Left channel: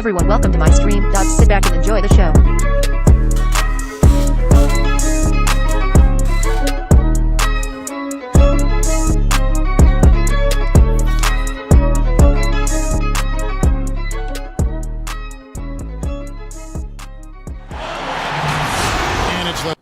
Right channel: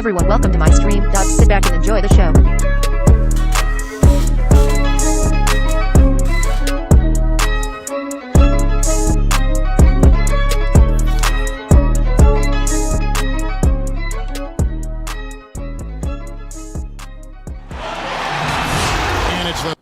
everyone, welcome to my stream. Sit back and enjoy the show. And it's the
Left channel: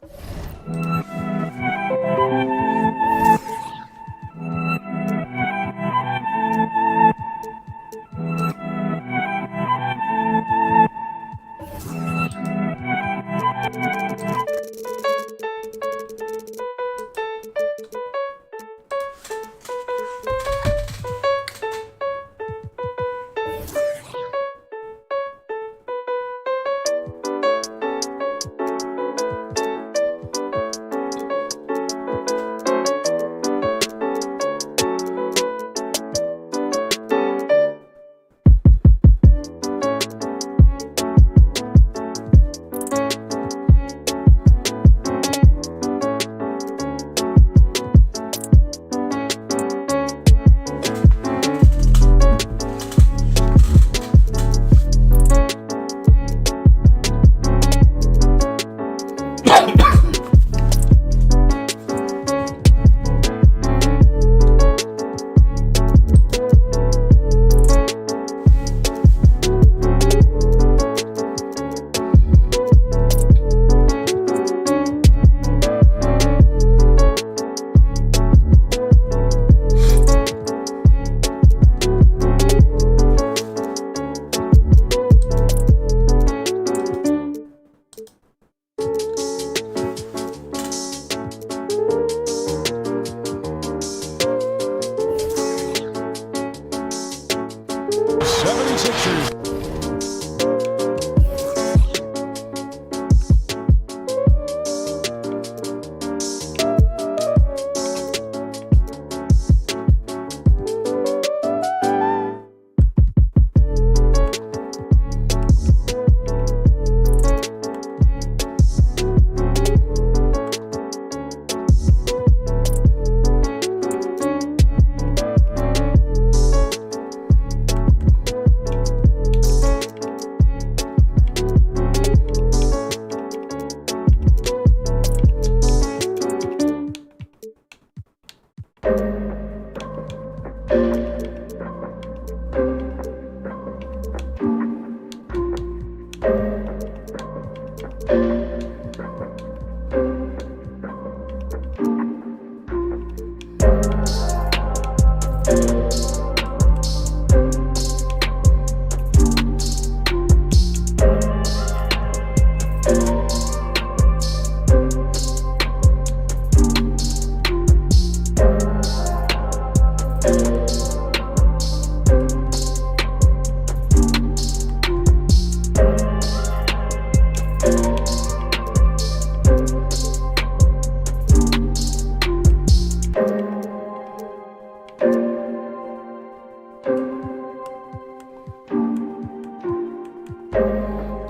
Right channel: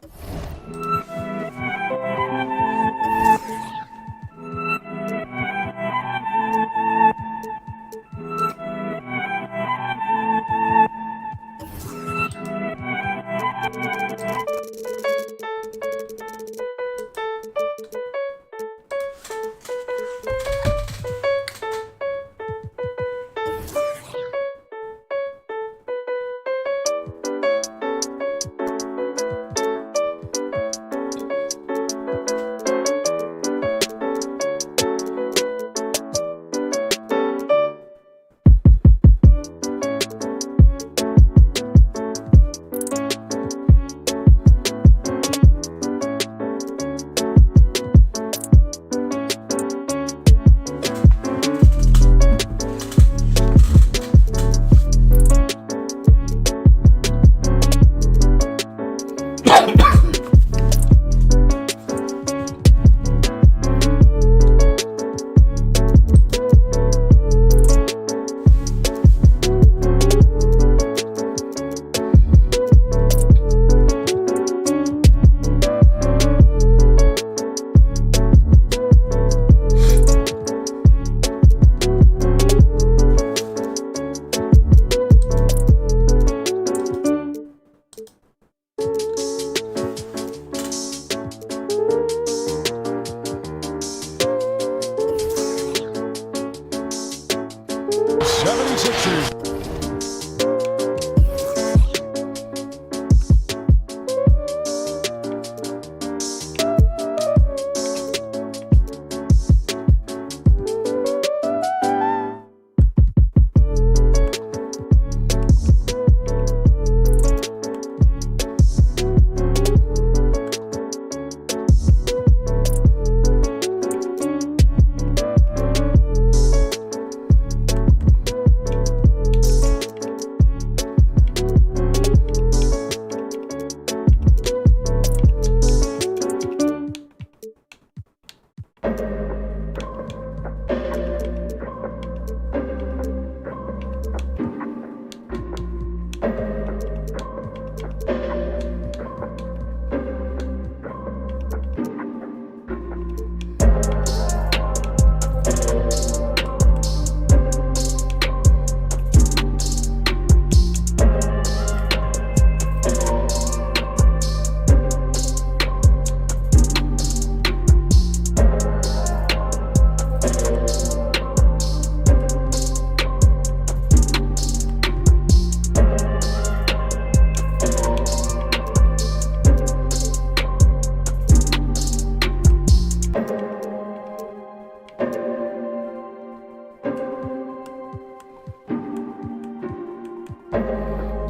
'76ers.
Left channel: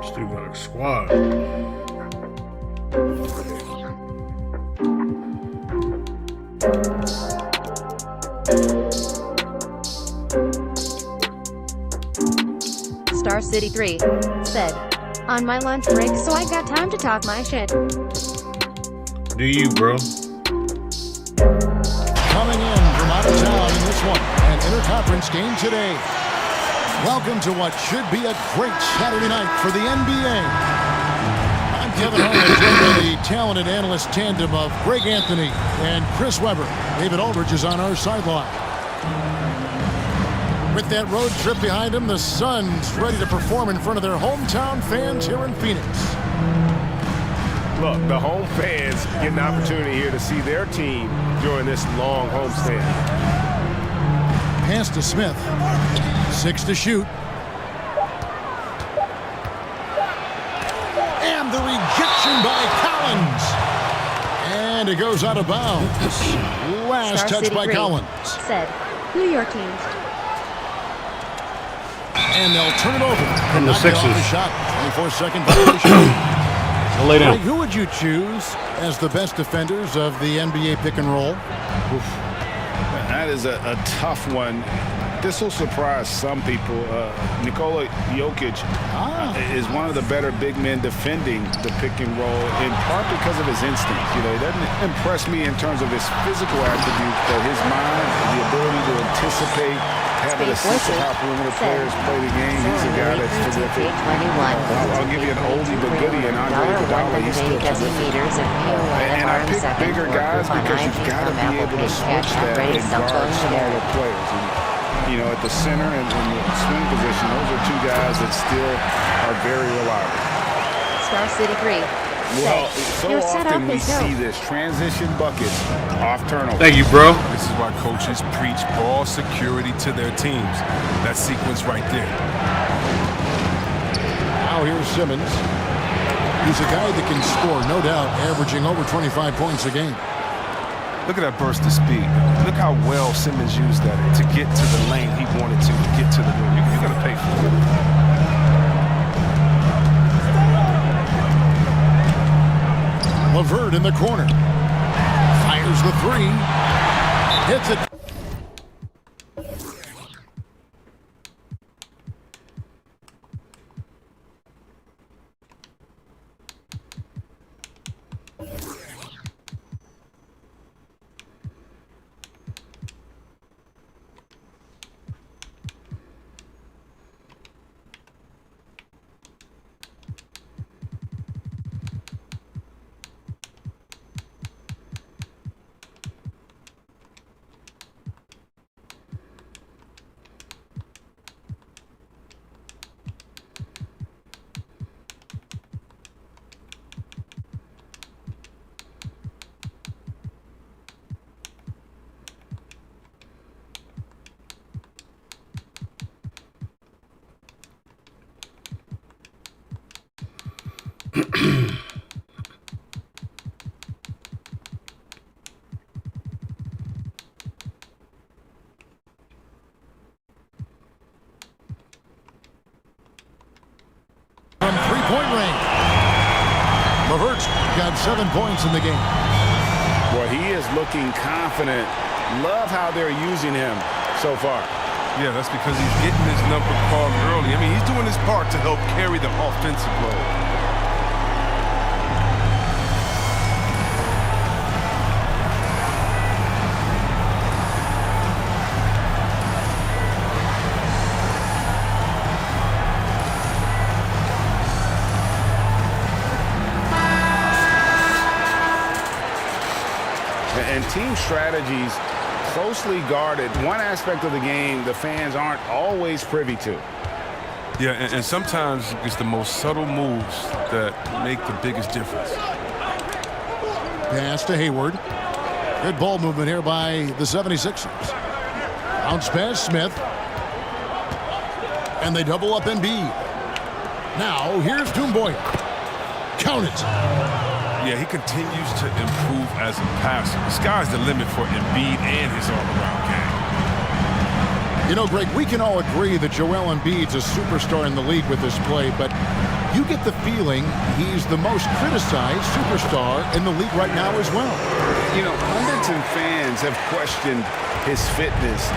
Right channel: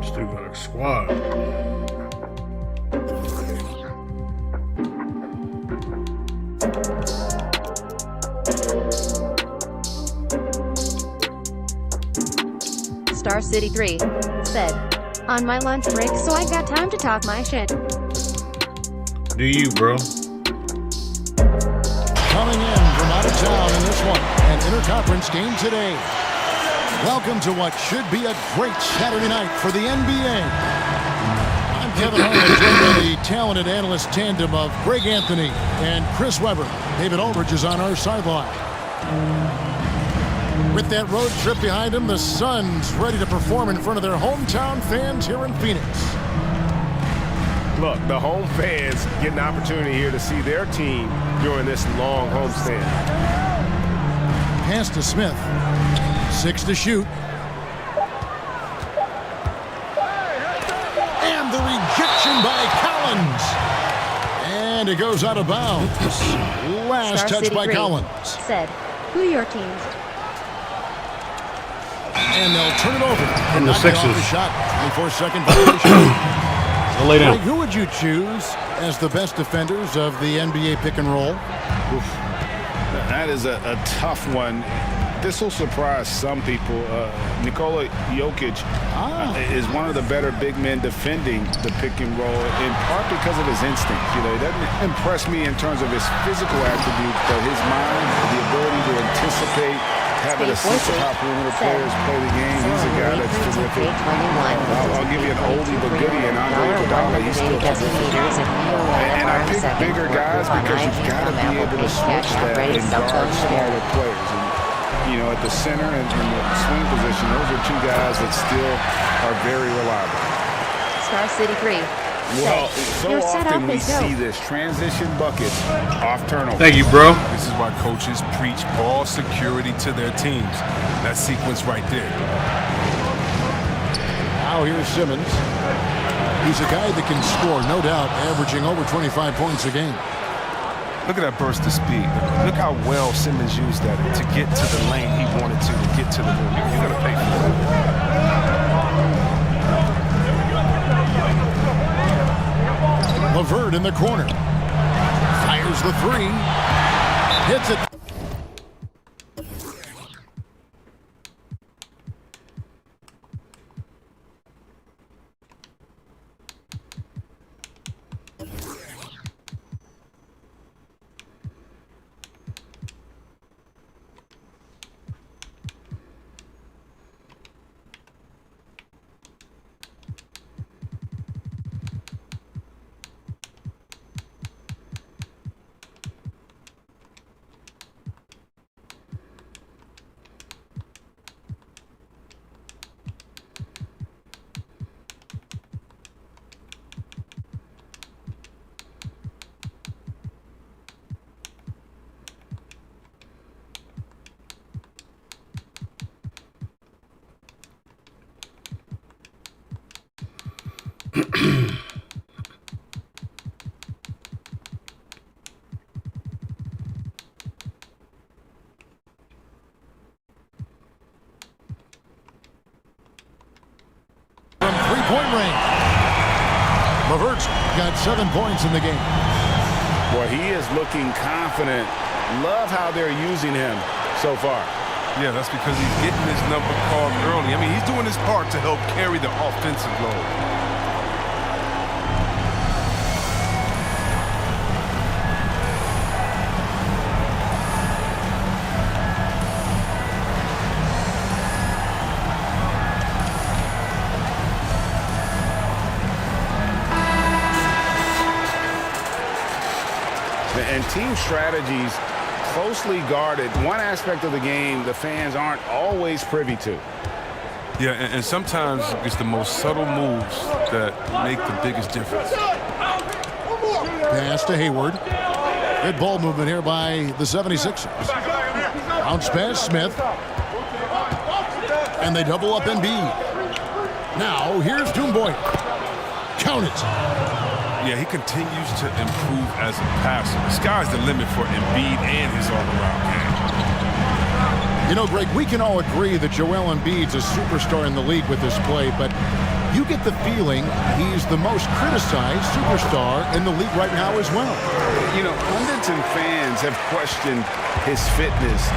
Still got a squad. Star City 3 said, on my lunch break, so I got time to talk my shit. Do you, bro? Coming in from out of town in this one, an interconference game today. Welcome to what should be a great Saturday night for the NBA. I'm Kevin Harlan, joined by the talented analyst tandem of Greg Anthony and Chris Webber. David Aldridge is on our sideline. With that road trip behind him, the Suns ready to perform in front of their hometown fans here in Phoenix. Look, the home fans get an opportunity here to see their team during this long homestand. Pass to Smith. 6 to shoot. And the rejection by Collins. And it goes out of bounds. Last Star touch City by 3 Collins. said, who your teams? And they'll turn it over. And the Sixers. Off the shot. 24-second violation. They'll lay down. Greg, who would you choose as the best defenders of the NBA pick and roll? That is a tough one. this will surprise some people. Nikola Jokic is one of the better big men defending the pick and roll, in part because of his instincts. You know, he doesn't impress me in terms of his physical attributes, but his mind, the ability to anticipate, having a sense of how perimeter players play the game. He's a guy that's terrific. I'll give you an oldie but goodie, and Andre Iguodala, he's still terrific. And I pick bigger guys because you've got to be able to switch that and guard smaller players. And, you know, at the center and the swing position, those are two guys that still are very reliable. Star City 3. Well, so often we see this transition buckets off turnover. Thank you, bro. This is why coaches preach ball security to their teams. That sequence right there. Now here's Simmons. He's a guy that can score, no doubt, averaging over 25 points a game. Look at that burst of speed. Look how well Simmons used that to get to the lane he wanted to get to the rim. You're going to pay for that. LeVert in the corner. Fires the three. Hits it. From three-point range. LeVert's got 7 points in the game. Boy, he is looking confident. Love how they're using him so far. Yeah, that's because he's getting his number called early. I mean, he's doing his part to help carry the offensive load. And team strategies closely guarded. One aspect of the game the fans aren't always privy to. Yeah, and sometimes it's the most subtle moves that make the biggest difference. Pass to Hayward. Good ball movement here by the 76ers. Bounce pass, Smith. And they double up Embiid. Now, here's Toomboy. Count it. Yeah, he continues to improve as a passer. The sky's the limit for Embiid and his all-around game. You know, Greg, we can all agree that Joel Embiid's a superstar in the league with this play, but you get the feeling he's the most criticized superstar in the league right now as well. You know, pundits and fans have questioned his fitness,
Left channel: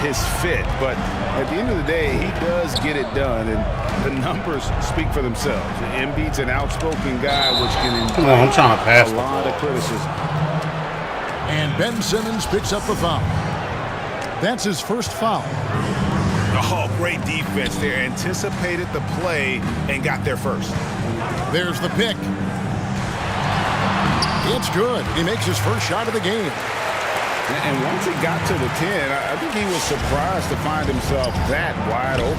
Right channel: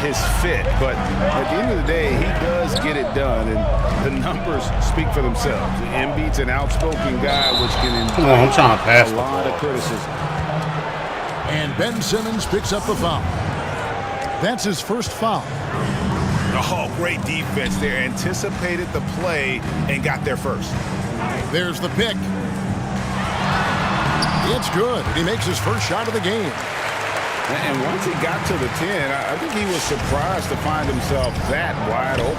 his fit, but at the end of the day, he does get it done, and the numbers speak for themselves. Embiid's an outspoken guy, which can invite a lot of criticism. And Ben Simmons picks up the foul. That's his first foul. Oh, great defense there. Anticipated the play and got there first. There's the pick. It's good. He makes his first shot of the game. And once he got to the 10, I think he was surprised to find himself that wide open.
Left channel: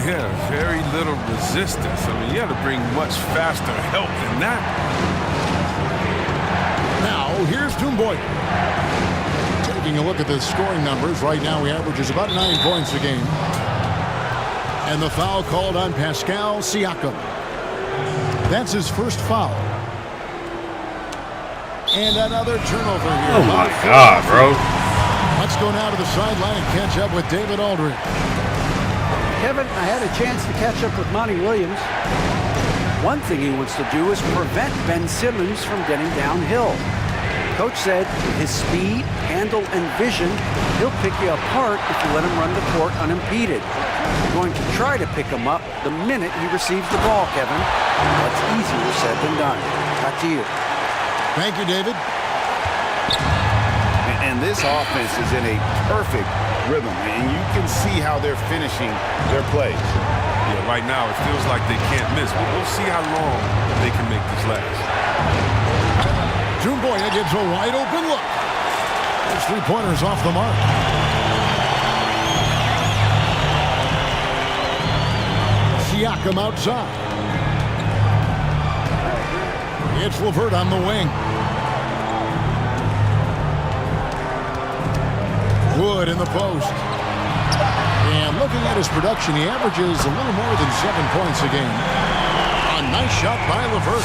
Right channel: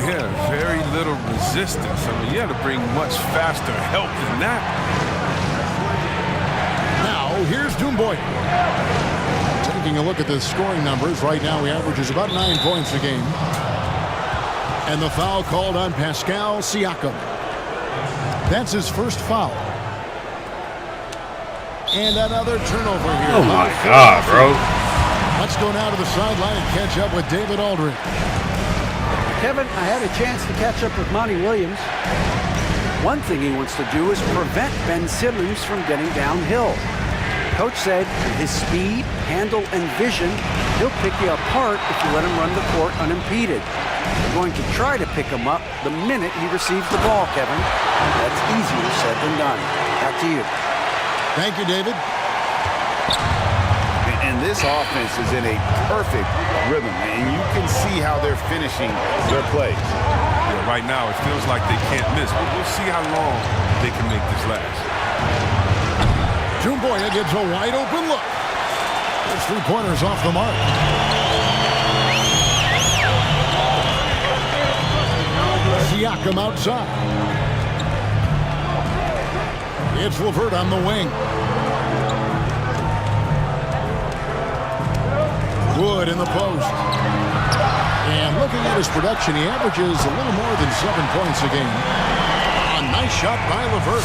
Yeah, very little resistance. I mean, you had to bring much faster help than that. Now, here's Toomboy. Taking a look at the scoring numbers, right now he averages about 9 points a game. And the foul called on Pascal Siakam. That's his first foul. And another turnover here. Oh, my God, bro. Let's go now to the sideline and catch up with David Aldridge. Kevin, I had a chance to catch up with Monty Williams. One thing he wants to do is prevent Ben Simmons from getting downhill. Coach said with his speed, handle, and vision, he'll pick you apart if you let him run the court unimpeded. We're going to try to pick him up the minute he receives the ball, Kevin. That's easier said than done. Back to you. Thank you, David. And this offense is in a perfect rhythm, and you can see how they're finishing their plays. Yeah, right now it feels like they can't miss. We'll see how long they can make this last. Jumboya gets a wide open look. His three-pointers off the mark. Siakam outside. It's LeVert on the wing. Wood in the post. And looking at his production, he averages a little more than 7 points a game. A nice shot by LeVert.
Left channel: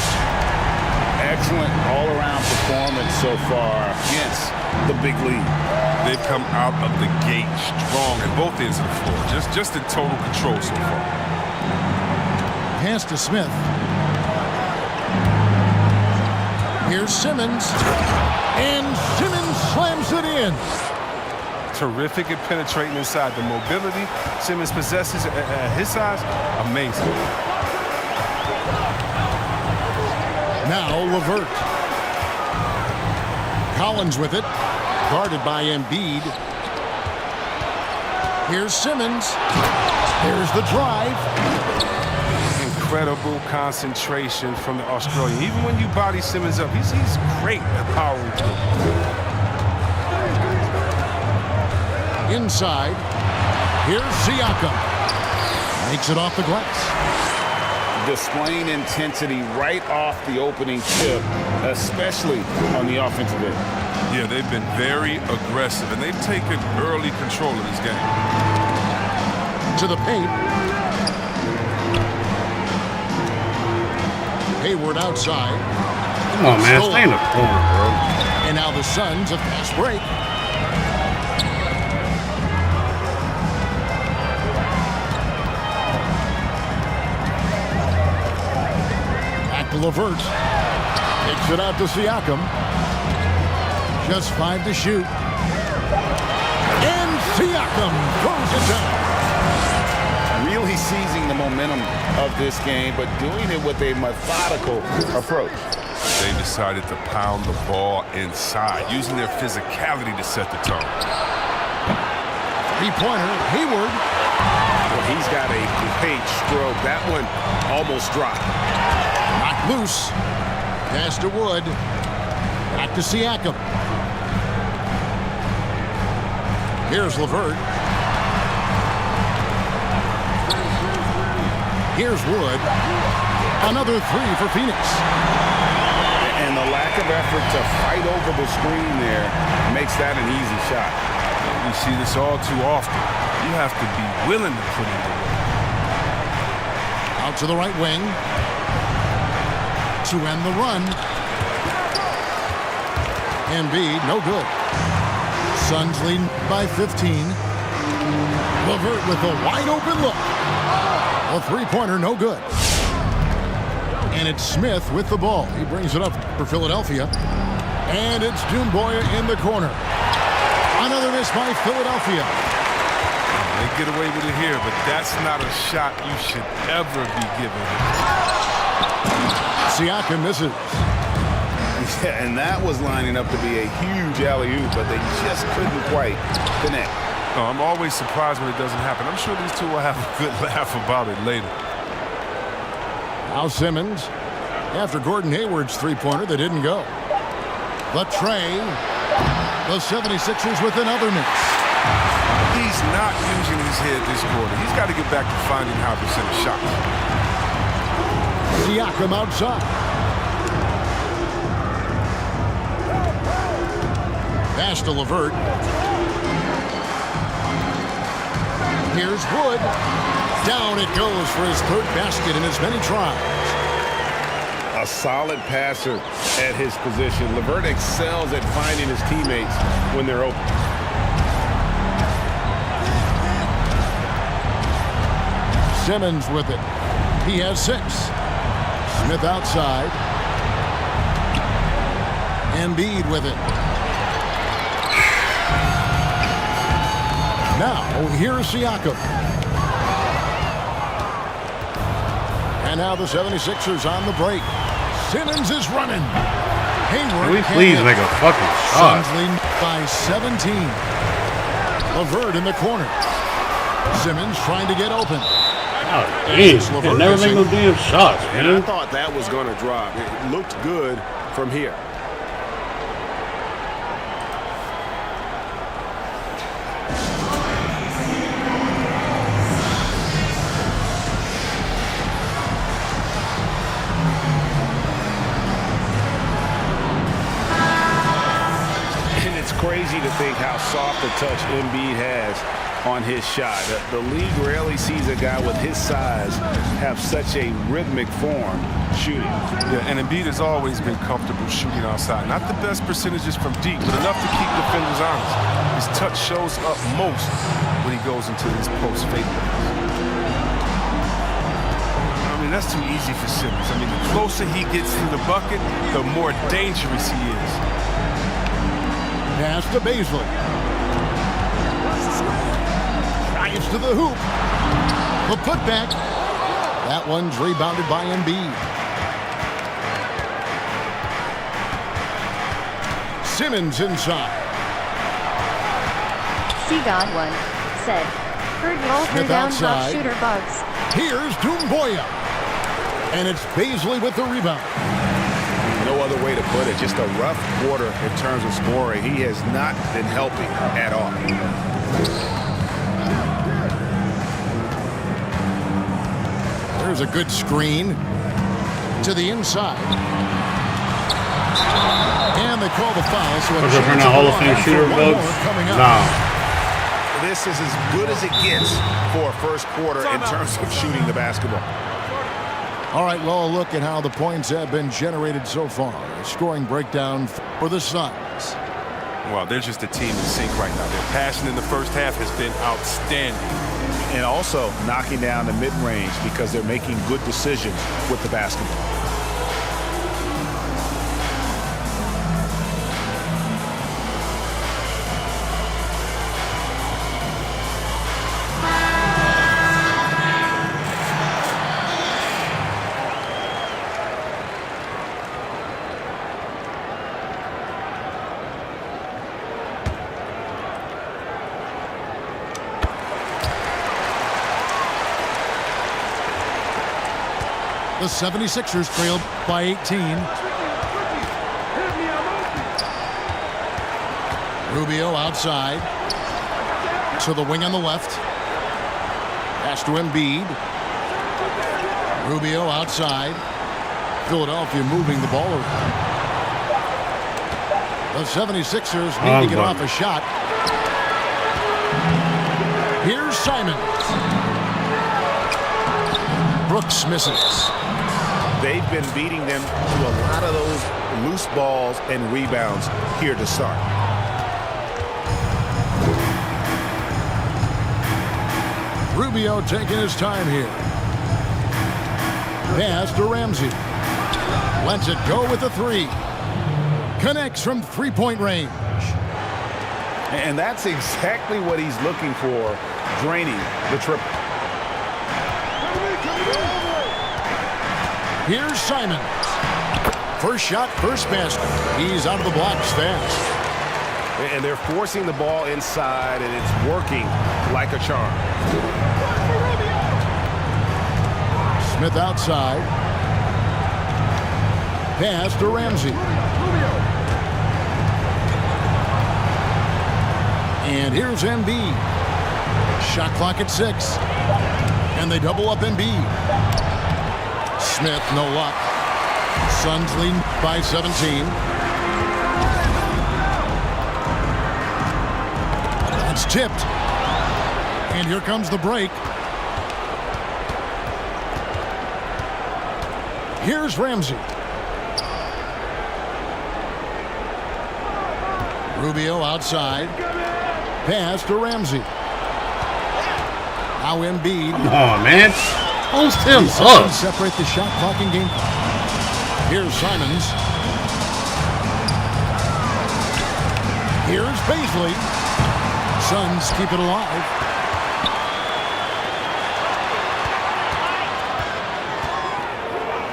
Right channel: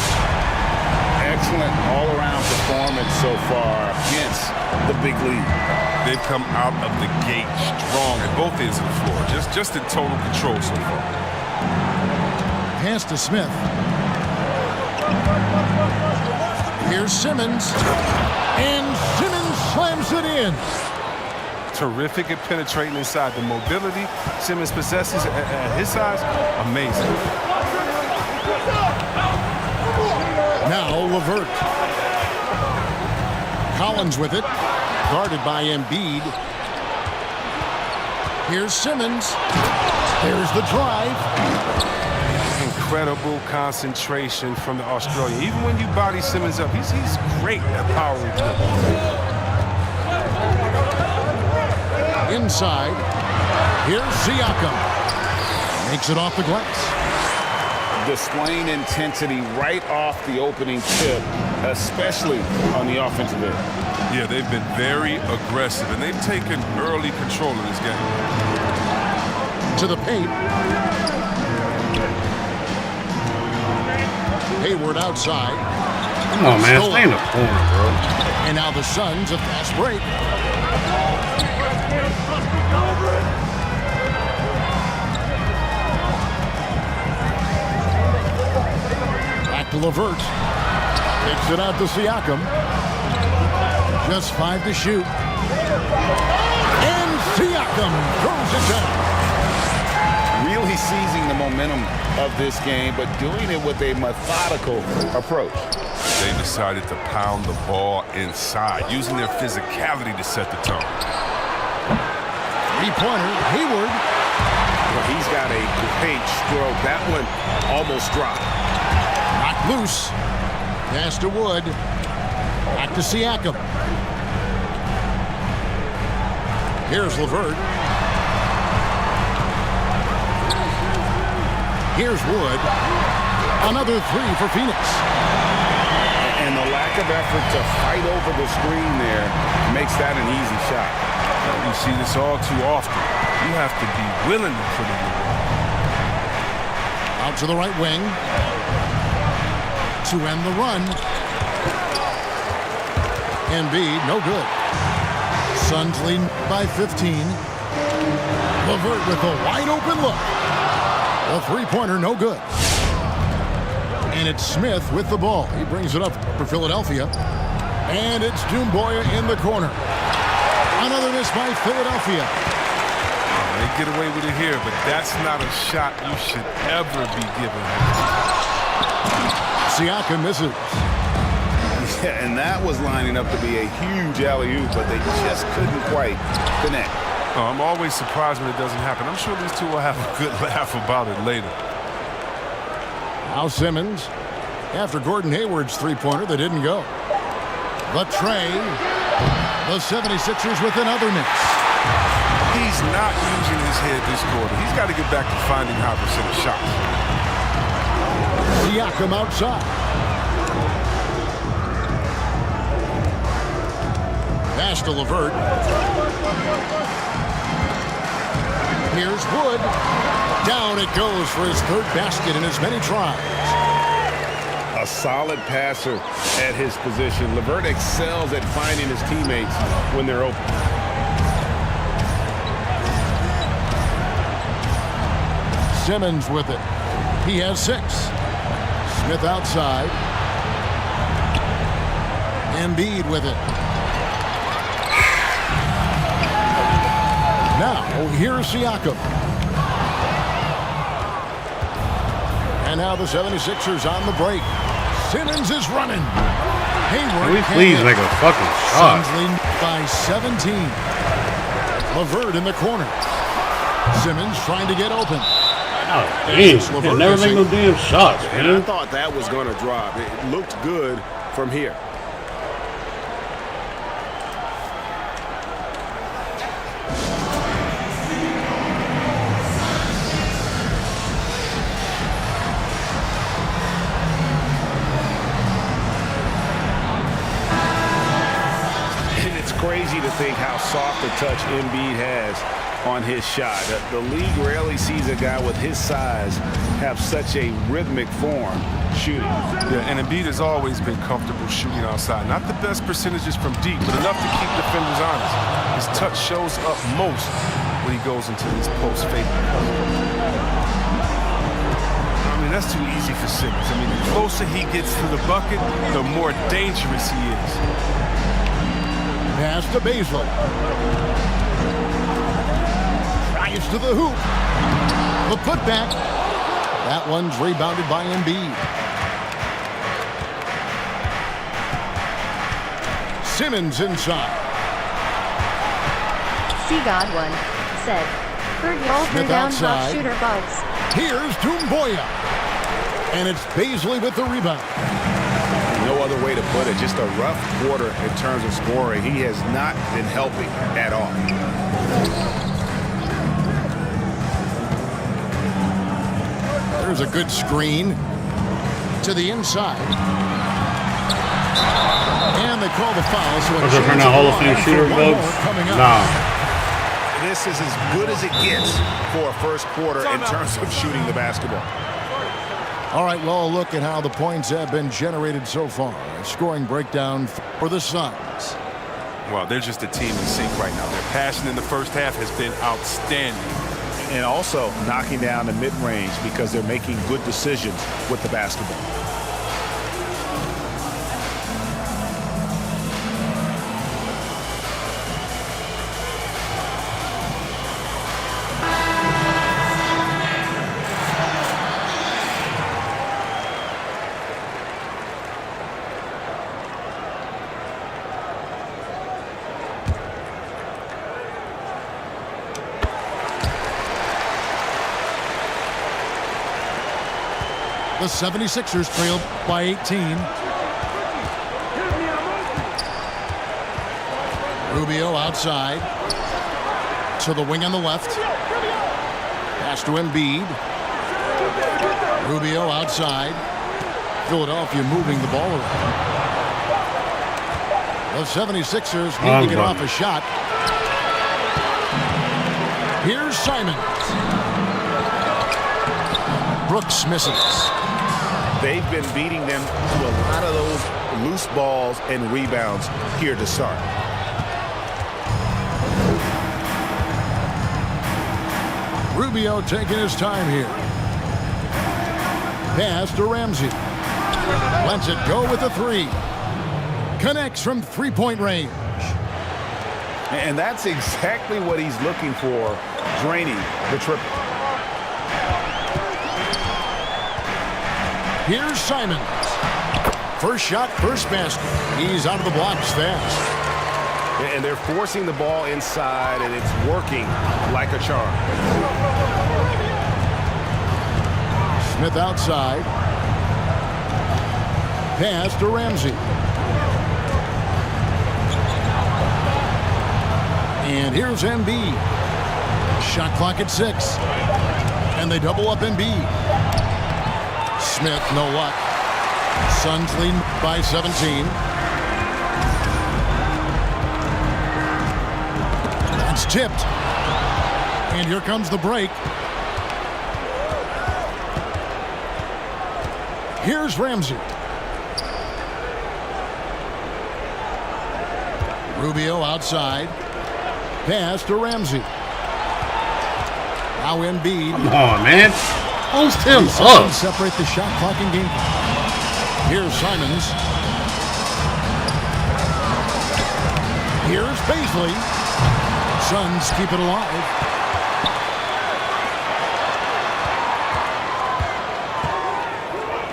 Excellent all-around performance so far against the big lead. They've come out of the gate strong at both ends of the floor. Just in total control so far. Pass to Smith. Here's Simmons. And Simmons slams it in. Terrific at penetrating inside. The mobility Simmons possesses at his size, amazing. Now LeVert. Collins with it. Guarded by Embiid. Here's Simmons. There's the drive. Incredible concentration from the Australian. Even when you body Simmons up, he's great at powering through. Inside. Here's Siakam. Makes it off the glass. Displaying intensity right off the opening tip, especially on the offensive end. Yeah, they've been very aggressive, and they've taken early control of this game. To the paint. Hayward outside. Come on, man. Stay in the corner, bro. And now the Suns a fast break. Back to LeVert. Kicks it out to Siakam. Just 5 to shoot. And Siakam throws it down. Really seizing the momentum of this game, but doing it with a methodical approach. They decided to pound the ball inside, using their physicality to set the tone. Three-pointer, Hayward. Well, he's got a great stroke. That one almost dropped. Knocked loose. Pass to Wood. Back to Siakam. Here's LeVert. Here's Wood. Another three for Phoenix. And the lack of effort to fight over the screen there makes that an easy shot. We see this all too often. You have to be willing to put in the work. Out to the right wing. To end the run. Embiid, no good. Suns lead by 15. LeVert with a wide open look. A three-pointer, no good. And it's Smith with the ball. He brings it up for Philadelphia. And it's Jumboya in the corner. Another miss by Philadelphia. They get away with it here, but that's not a shot you should ever be giving him. Siakam misses. Yeah, and that was lining up to be a huge alley-oop, but they just couldn't quite connect. Oh, I'm always surprised when it doesn't happen. I'm sure these two will have a good laugh about it later. Now Simmons, after Gordon Hayward's three-pointer that didn't go. The tray. The 76ers with another miss. He's not using his head this quarter. He's got to get back to finding high percentage shots. Siakam outside. Pass to LeVert. Here's Wood. Down it goes for his third basket in as many tries. A solid passer at his position. LeVert excels at finding his teammates when they're open. Simmons with it. He has 6. Smith outside. Embiid with it. Now, here's Siakam. And now the 76ers on the break. Simmons is running. Hayward Can we please make a fucking shot? Suns lead by 17. LeVert in the corner. Simmons trying to get open. Oh, damn. Can never make no damn shots, And I man. thought that was going to drop. It looked good from here. And it's crazy to think how soft a touch Embiid has on his shot. The league rarely sees a guy with his size have such a rhythmic form shooting. Yeah, and Embiid has always been comfortable shooting outside. Not the best percentages from deep, but enough to keep defenders honest. His touch shows up most when he goes into this post fake. I mean, that's too easy for Simmons. I mean, the closer he gets to the bucket, the more dangerous he is. Pass to Baisley. Drives to the hoop. The putback. That one's rebounded by Embiid. Simmons inside. See Godwin said, heard you all threw Smith down outside. top shooter bugs. Here's Doumbouya. And it's Baisley with the rebound. No other way to put it. Just a rough quarter in terms of scoring. He has not been helping at all. There's a good screen to the inside. And they call the foul. So Was it for now Hall of Fame shooter, Bugs? Nah. This is as good as it gets for a first quarter in terms of shooting the basketball. All right, well, a look at how the points have been generated so far. A scoring breakdown for the Suns. Well, they're just a team in sync right now. Their passion in the first half has been outstanding. And also knocking down the mid-range because they're making good decisions with the basketball. The 76ers trailed by 18. Rubio outside. To the wing on the left. Pass to Embiid. Rubio outside. Philadelphia moving the ball around. The 76ers need to get off a shot. Here's Simons. Brooks misses. They've been beating them to a lot of those loose balls and rebounds here to start. Rubio taking his time here. Pass to Ramsey. Lets it go with a three. Connects from three-point range. And that's exactly what he's looking for, draining the triple. Here's Simons. First shot, first basket. He's out of the blocks fast. And they're forcing the ball inside, and it's working like a charm. Smith outside. Pass to Ramsey. And here's Embiid. Shot clock at 6. And they double up Embiid. Smith, no luck. Suns lead by 17. That's tipped. And here comes the break. Here's Ramsey. Rubio outside. Pass to Ramsey. Now Embiid. Come on, man. Post him These up. separate the shot clock and game clock. Here's Simons. Here's Baisley. Suns keep it alive.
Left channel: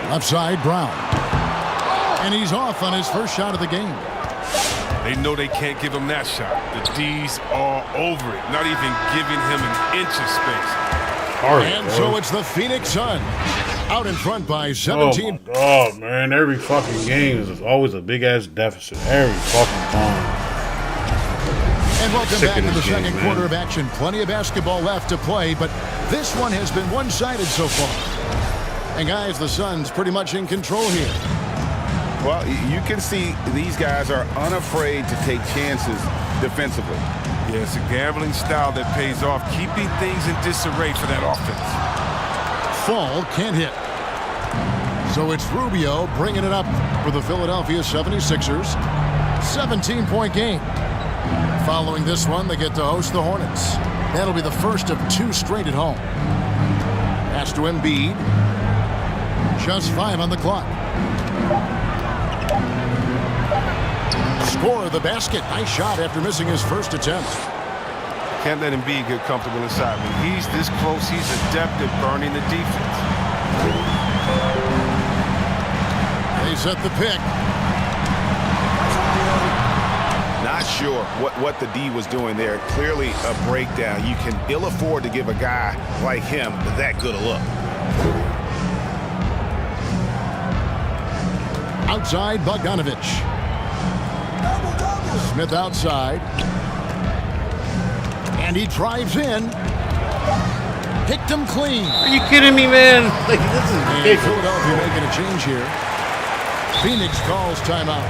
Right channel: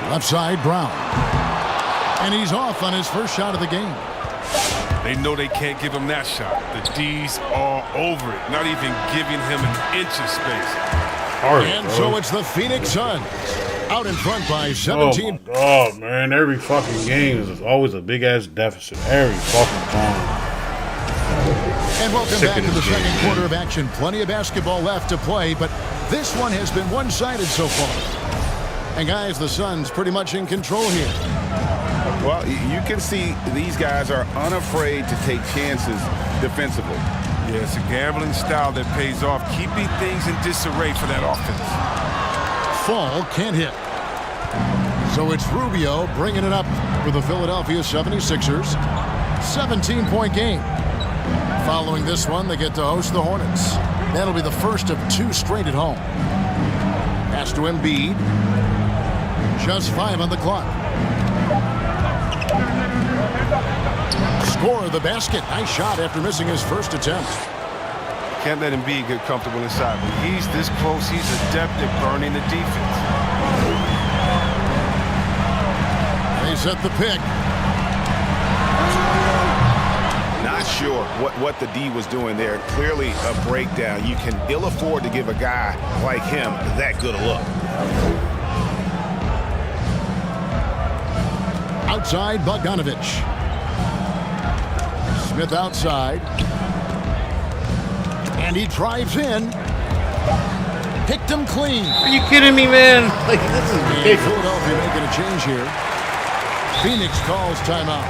Left side, Brown. And he's off on his first shot of the game. They know they can't give him that shot. The D's are over it, not even giving him an inch of space. And so it's the Phoenix Suns out in front by 17. Oh, my God, man. Every fucking game is always a big-ass deficit. Every fucking time. And welcome back to the second quarter of action. Plenty of basketball left to play, but this one has been one-sided so far. And, guys, the Suns pretty much in control here. Well, you can see these guys are unafraid to take chances defensively. Yeah, it's a gambling style that pays off, keeping things in disarray for that offense. Fall can't hit. So it's Rubio bringing it up for the Philadelphia 76ers. 17-point game. Following this one, they get to host the Hornets. That'll be the first of 2 straight at home. Pass to Embiid. Just 5 on the clock. Score of the basket. Nice shot after missing his first attempt. Can't let Embiid get comfortable inside. When he's this close, he's adept at burning the defense. They set the pick. Not sure what the D was doing there. Clearly a breakdown. You can ill afford to give a guy like him that good a look. Outside, Bogdanovich. Smith outside. And he drives in. Picked him clean. Are you kidding me, man? Like, this is ridiculous. Philadelphia making a change here. Phoenix calls timeout.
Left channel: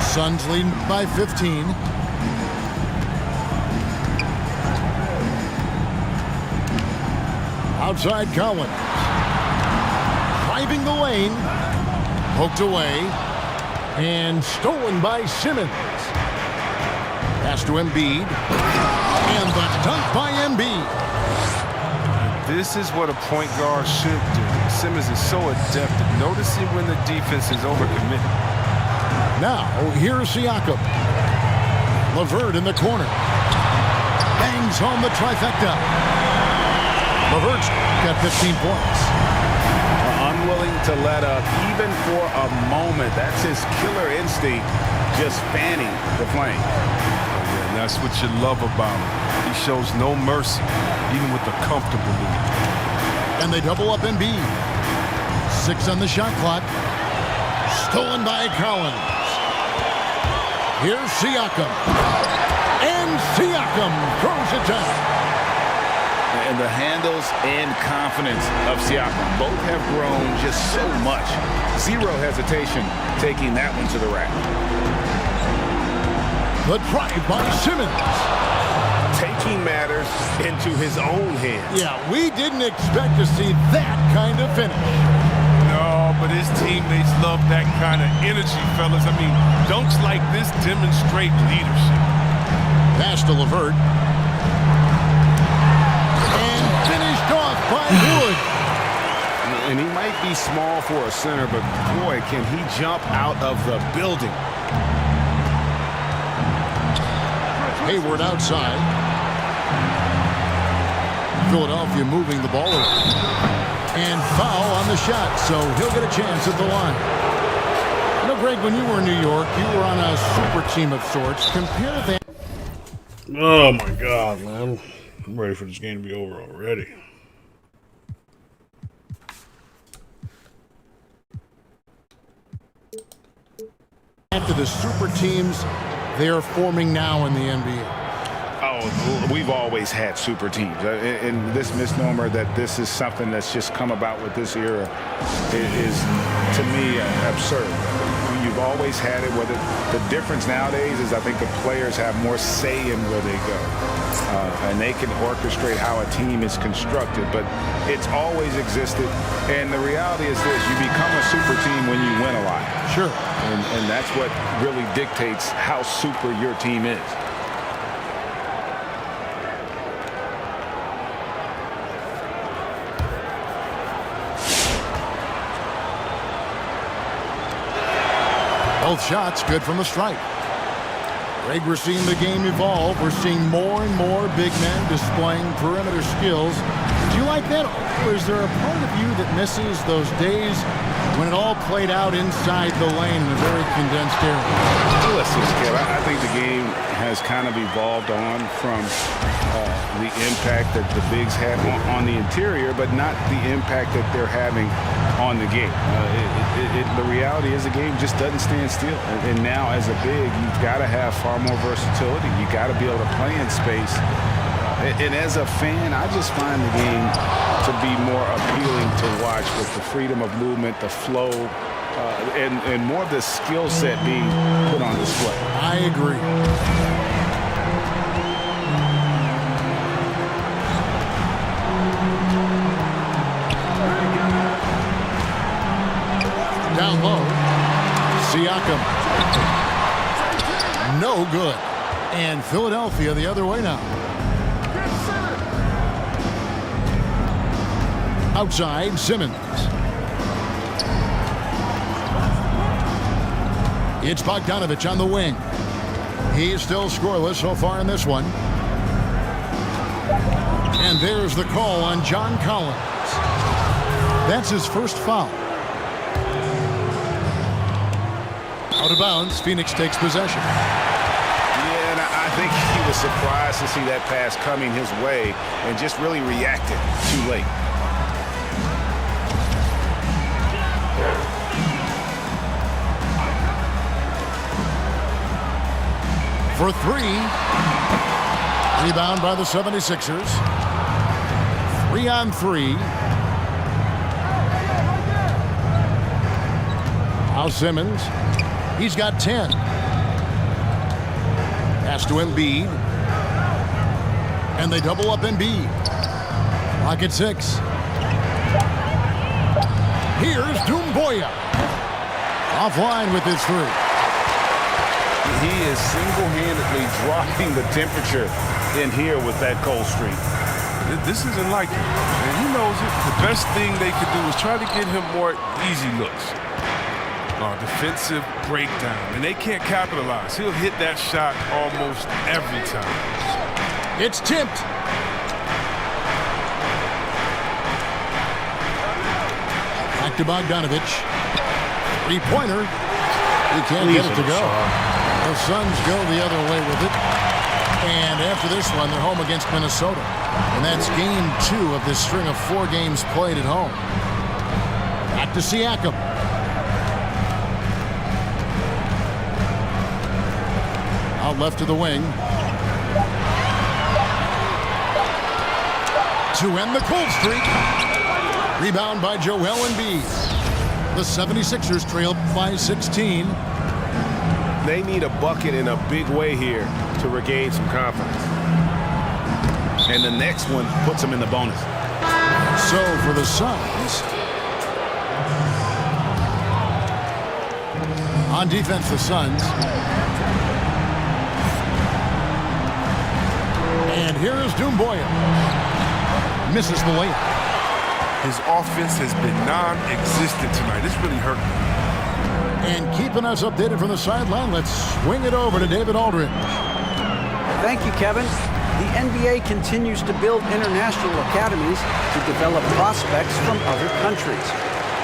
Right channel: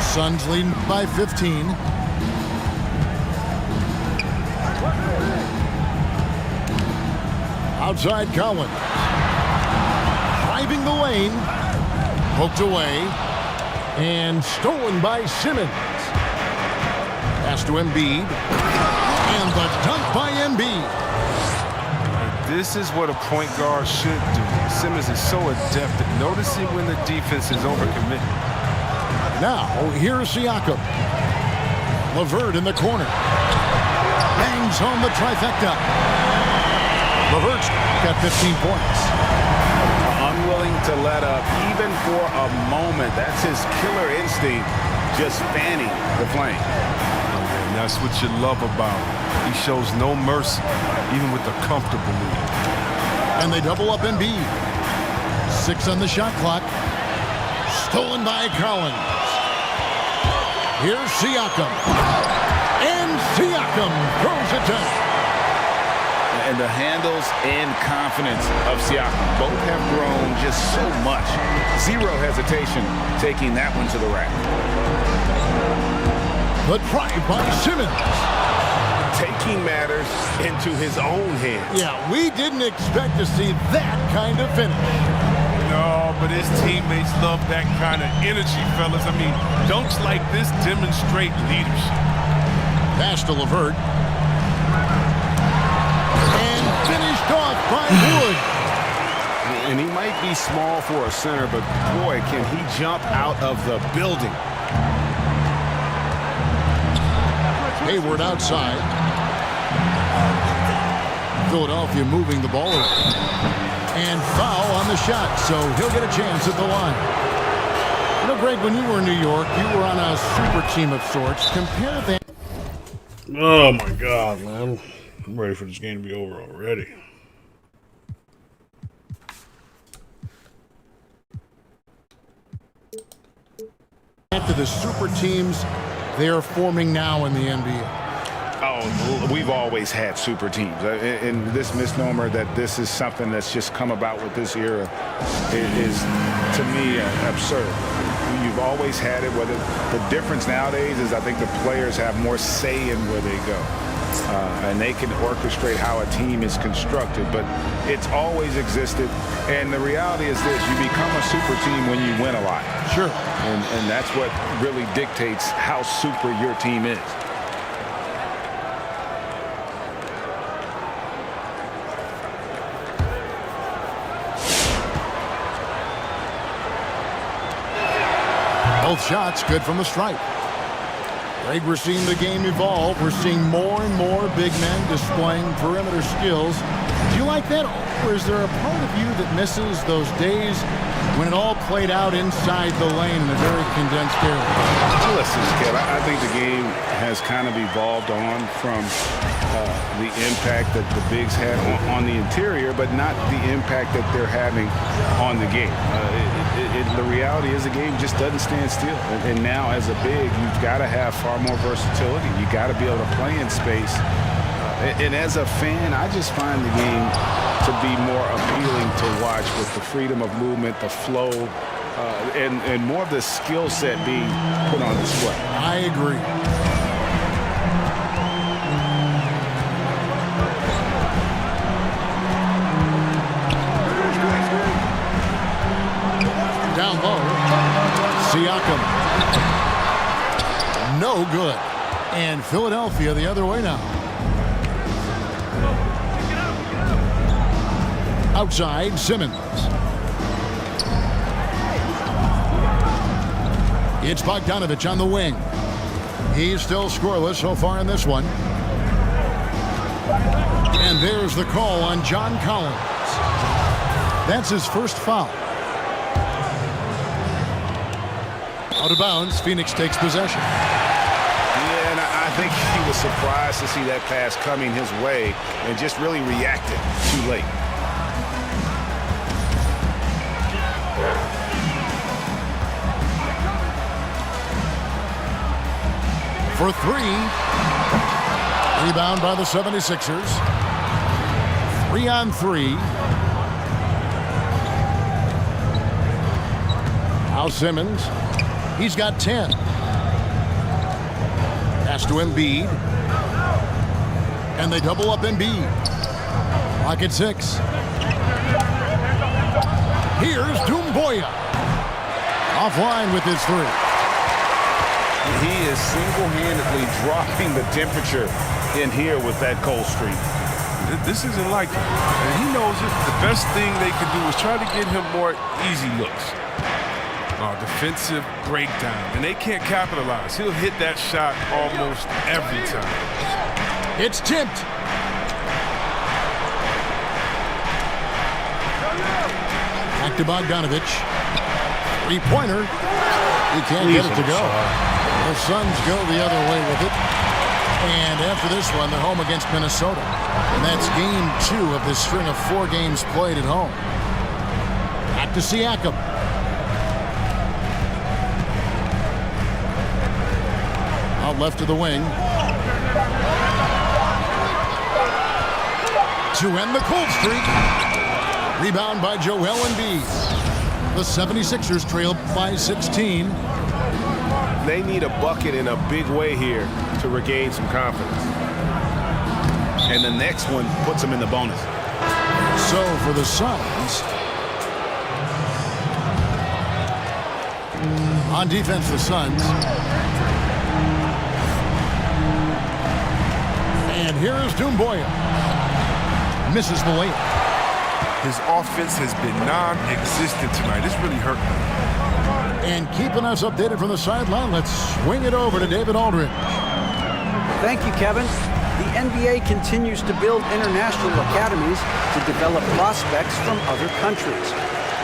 Suns leading by 15. Outside Collins. Driving the lane. Poked away. And stolen by Simmons. Pass to Embiid. And the dunk by Embiid. This is what a point guard should do. Simmons is so adept at noticing when the defense is overcommitted. Now, here's Siakam. LeVert in the corner. Bangs home the trifecta. LeVert's got 15 points. Unwilling to let up even for a moment. That's his killer instinct, just fanning the flame. Oh, yeah, and that's what you love about him. He shows no mercy, even with a comfortable lead. And they double up Embiid. 6 on the shot clock. Stolen by Collins. Here's Siakam. And Siakam throws it down. And the handles and confidence of Siakam both have grown just so much. Zero hesitation taking that one to the rack. The drive by Simmons. Taking matters into his own hands. Yeah, we didn't expect to see that kind of finish. No, but his teammates love that kind of energy, fellas. I mean, dunks like this demonstrate leadership. Pass to LeVert. And finished off by Wood. And he might be small for a center, but boy, can he jump out of the building. Hayward outside. Philadelphia moving the ball around. And foul on the shot, so he'll get a chance at the line. You know, Greg, when you were in New York, you were on a super team of sorts. Compare that. Oh, my God, man. I'm ready for this game to be over already. To the super teams they are forming now in the NBA. Oh, we've always had super teams. And this misnomer that this is something that's just come about with this era is to me, absurd. you've always had it. Whether the difference nowadays is I think the players have more say in where they go. And they can orchestrate how a team is constructed, but it's always existed. And the reality is this: you become a super team when you win a lot. Sure. And that's what really dictates how super your team is. Both shots good from the stripe. Greg, we're seeing the game evolve. We're seeing more and more big men displaying perimeter skills. Do you like that? Or is there a part of you that misses those days when it all played out inside the lane in a very condensed area? Listen, Kev, I think the game has kind of evolved on from the impact that the bigs had on the interior, but not the impact that they're having on the game. The reality is the game just doesn't stand still. And now as a big, you've got to have far more versatility. You got to be able to play in space. And as a fan, I just find the game to be more appealing to watch with the freedom of movement, the flow, and more of the skill set being put on display. I agree. Down low, Siakam. No good. And Philadelphia the other way now. Outside, Simmons. It's Bogdanovich on the wing. He's still scoreless so far in this one. And there's the call on John Collins. That's his first foul. Out of bounds, Phoenix takes possession. Yeah, and I think he was surprised to see that pass coming his way and just really reacted too late. For three. Rebound by the 76ers. 3-on-3. Now Simmons. He's got 10. Pass to Embiid. And they double up Embiid. Clock at 6. Here's Doumbouya. Offline with his three. He is single-handedly dropping the temperature in here with that cold streak. This isn't like him, and he knows it. The best thing they could do is try to get him more easy looks. Defensive breakdown, and they can't capitalize. He'll hit that shot almost every time. It's tipped. Back to Bogdanovich. Three-pointer. He can't get it to go. The Suns go the other way with it. And after this one, they're home against Minnesota. And that's game 2 of this string of 4 games played at home. Back to Siakam. Out left to the wing. To end the cold streak. Rebound by Joel Embiid. The 76ers trail by 16. They need a bucket in a big way here to regain some confidence. And the next one puts them in the bonus. So for the Suns, on defense, the Suns. And here is Doumbouya. Misses the layup. His offense has been non-existent tonight. It's really hurting him. And keeping us updated from the sideline, let's swing it over to David Aldridge. Thank you, Kevin. The NBA continues to build international academies to develop prospects from other countries.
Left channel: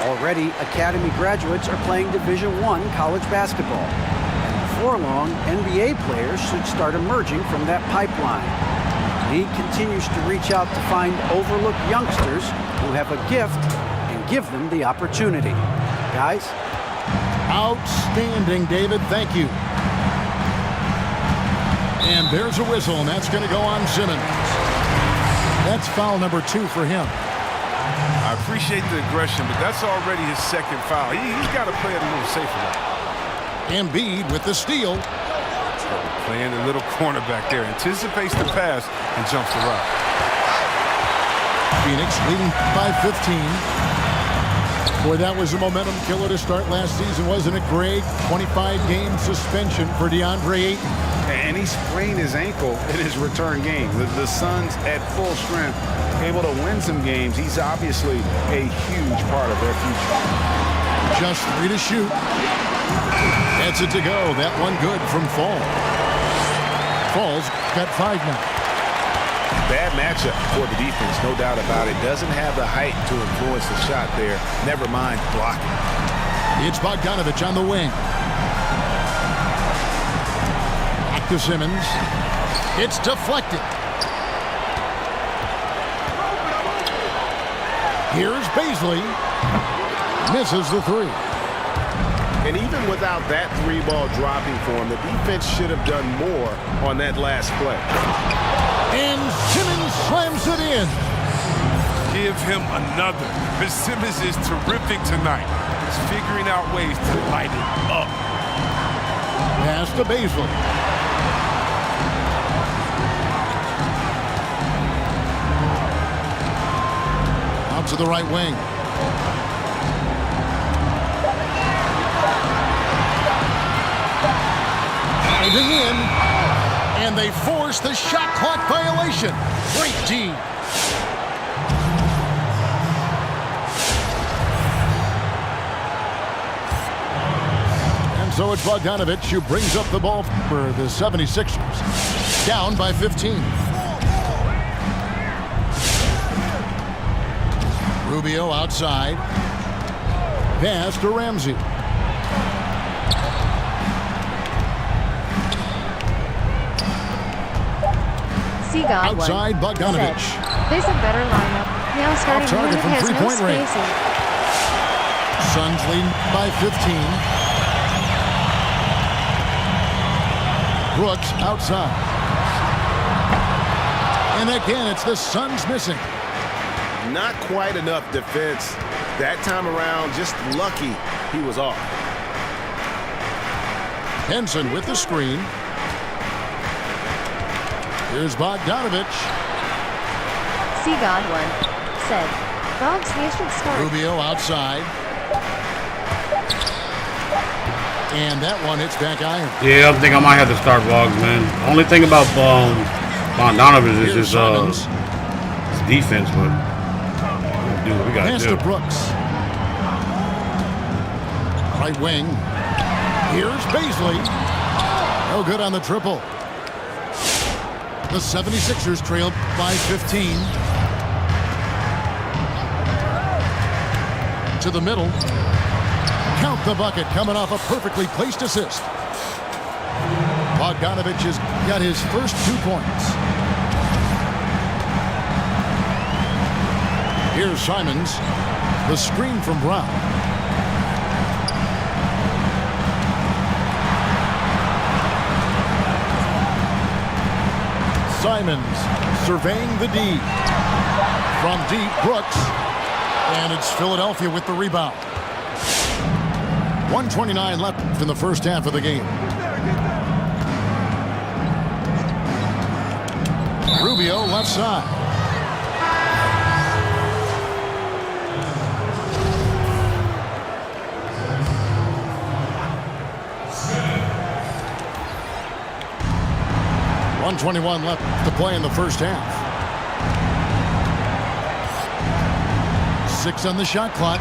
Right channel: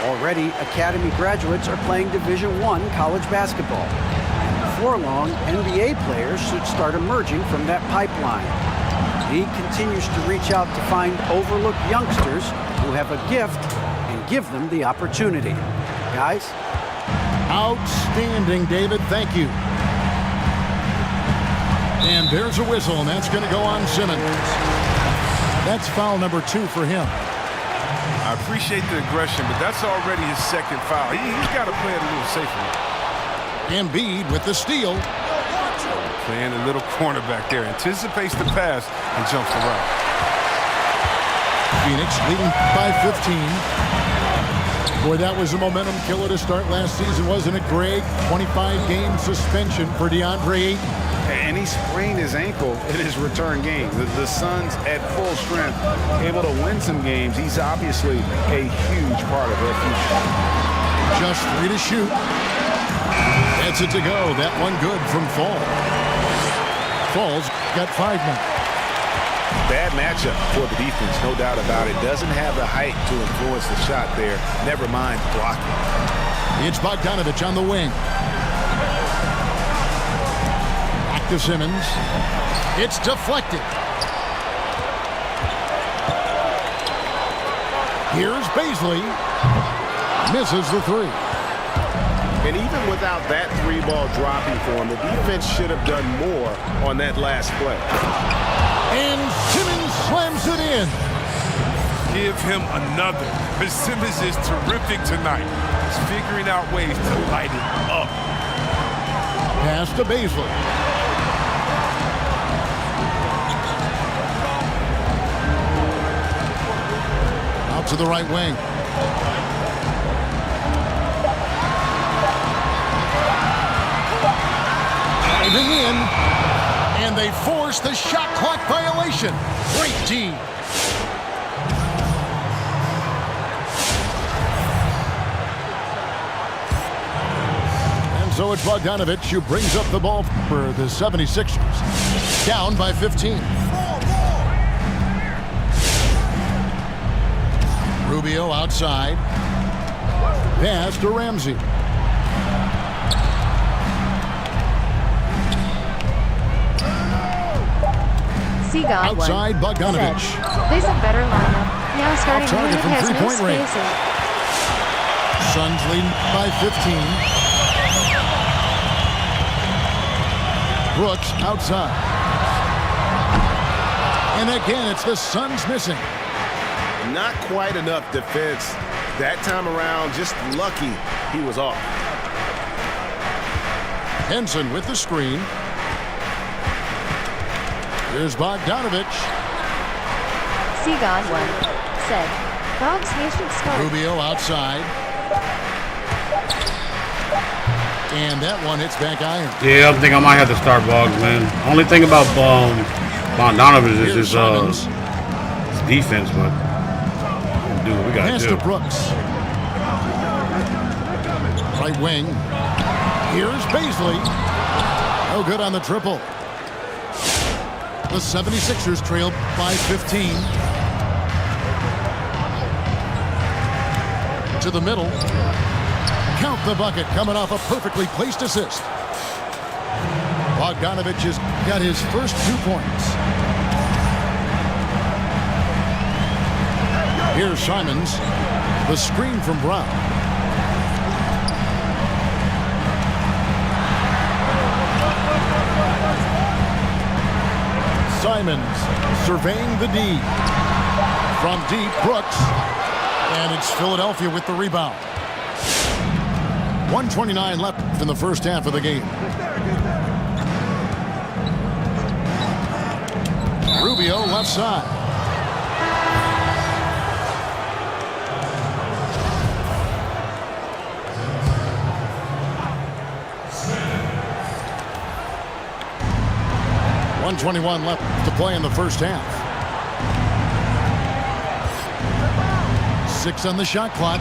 Already, academy graduates are playing Division I college basketball. And before long, NBA players should start emerging from that pipeline. The league continues to reach out to find overlooked youngsters who have a gift and give them the opportunity. Guys? Outstanding, David. Thank you. And there's a whistle, and that's going to go on Simmons. That's foul number 2 for him. I appreciate the aggression, but that's already his second foul. He's got to play it a little safer now. Embiid with the steal. Playing a little cornerback there. Anticipates the pass and jumps the route. Phoenix leading by 15. Boy, that was a momentum killer to start last season, wasn't it, Greg? 25-game suspension for DeAndre Ayton. And he sprained his ankle in his return game. The Suns at full strength, able to win some games. He's obviously a huge part of their future. Just 3 to shoot. That's it to go. That one good from Fall. Fall's got 5 now. Bad matchup for the defense, no doubt about it. Doesn't have the height to influence the shot there. Never mind blocking. It's Bogdanovich on the wing. Back to Simmons. It's deflected. Here's Baisley. Misses the 3. And even without that 3-ball dropping for him, the defense should have done more on that last play. And Simmons slams it in. Give him another. Simmons is terrific tonight. He's figuring out ways to light it up. Pass to Baisley. Out to the right wing. Diving in, and they force the shot clock violation. Great D. And so it's Bogdanovich who brings up the ball for the 76ers. Down by 15. Rubio outside. Pass to Ramsey. Outside Bogdanovich. There's a better lineup. Now starting unit has no spacing. Suns leading by 15. Brooks outside. And again, it's the Suns missing. Not quite enough defense. That time around, just lucky he was off. Henson with the screen. Here's Bogdanovich. See Godwin. Said. Boggs, he should start. Rubio outside. And that one hits back iron. Yeah, I think I might have to start Boggs, man. Only thing about Bogdanovich is his defense, but we'll do what we got to do. Pass to Brooks. Right wing. Here's Baisley. No good on the triple. The 76ers trail by 15. To the middle. Count the bucket coming off a perfectly placed assist. Bogdanovich has got his first 2 points. Here's Simons. The screen from Brown. Simons surveying the D. From deep, Brooks. And it's Philadelphia with the rebound. 1:29 left in the first half of the game. Rubio left side. .121 left to play in the first half. 6 on the shot clock.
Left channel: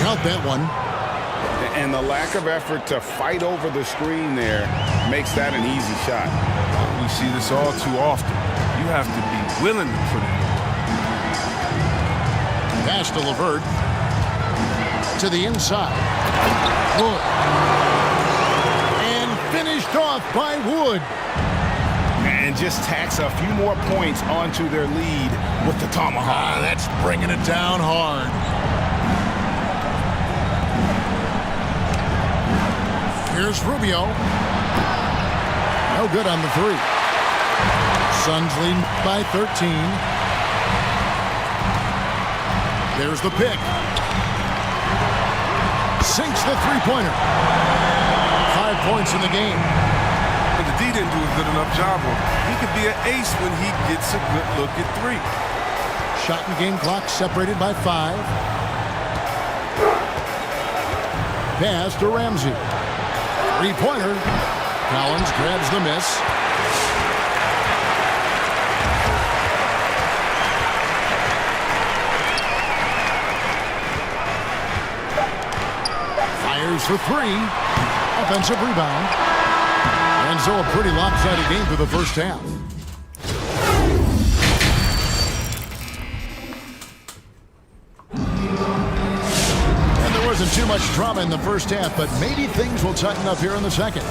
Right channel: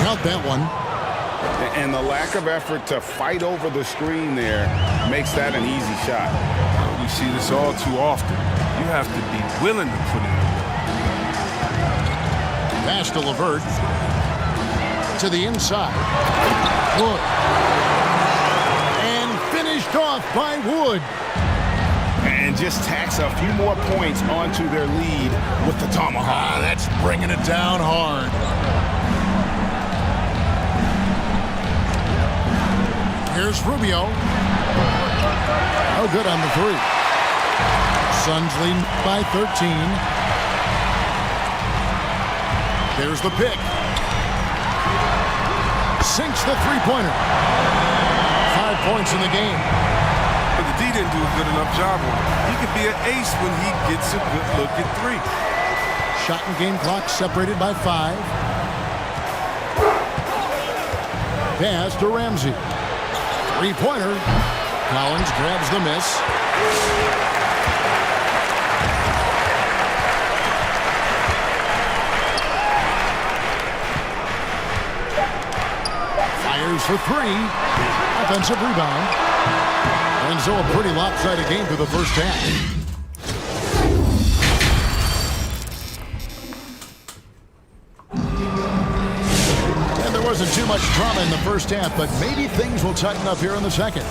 Count that one. And the lack of effort to fight over the screen there makes that an easy shot. We see this all too often. You have to be willing to put in the work. Pass to LeVert. To the inside. Wood. And finished off by Wood. And just tacks a few more points onto their lead with the tomahawk. That's bringing it down hard. Here's Rubio. No good on the 3. Suns leading by 13. There's the pick. Sinks the three-pointer. 5 points in the game. But the D didn't do a good enough job on him. He could be an ace when he gets a good look at 3. Shot and game clock separated by 5. Pass to Ramsey. 3-pointer. Collins grabs the miss. Fires for 3. Offensive rebound. And so a pretty lopsided game for the first half. And there wasn't too much drama in the first half, but maybe things will tighten up here in the second.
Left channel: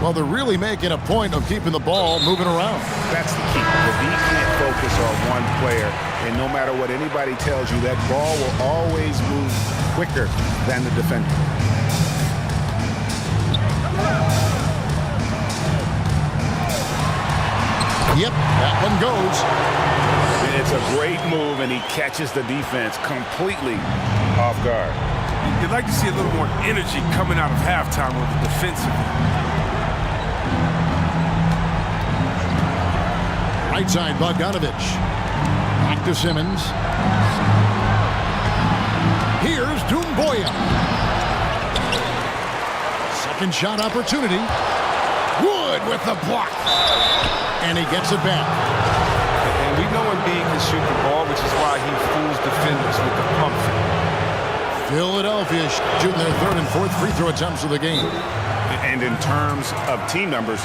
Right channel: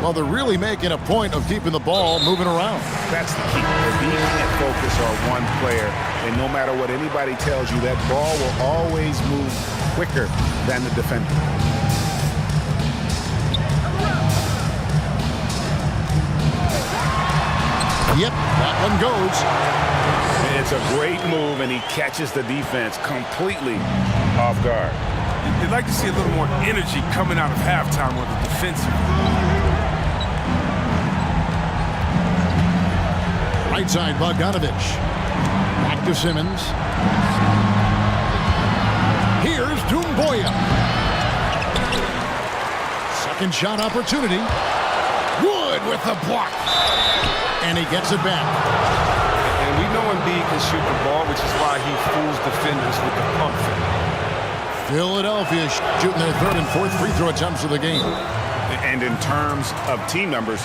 Well, they're really making a point of keeping the ball moving around. That's the key. The D can't focus on one player, and no matter what anybody tells you, that ball will always move quicker than the defender. Yep, that one goes. It's a great move, and he catches the defense completely off guard. You'd like to see a little more energy coming out of halftime on the defensive end. Right side, Bogdanovich. Back to Simmons. Here's Doumbouya. Second shot opportunity. Wood with the block. And he gets it back. And we know Embiid can shoot the ball, which is why he fools defenders with the pump fake. Philadelphia shooting their 3rd and 4th free throw attempts of the game. And in terms of team numbers,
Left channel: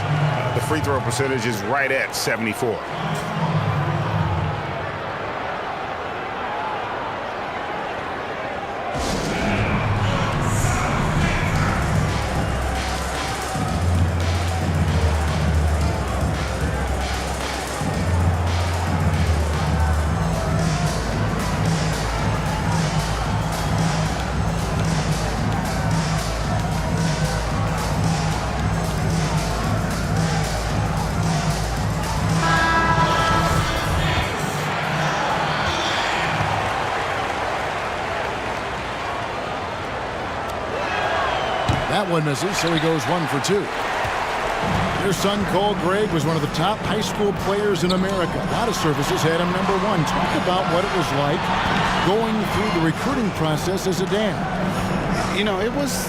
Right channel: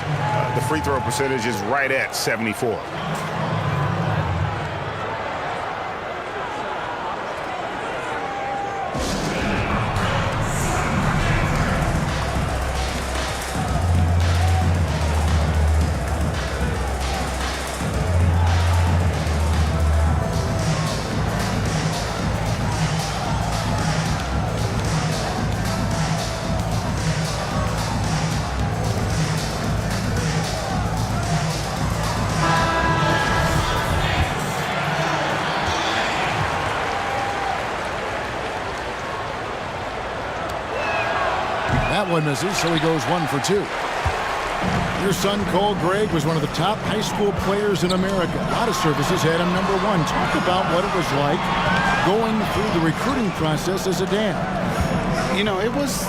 the free throw percentage is right at 74. That one misses, so he goes 1 for 2. Your son, Cole Gregg, was one of the top high school players in America. A lot of services had him number 1. Talk about what it was like going through the recruiting process as a dad. You know, it was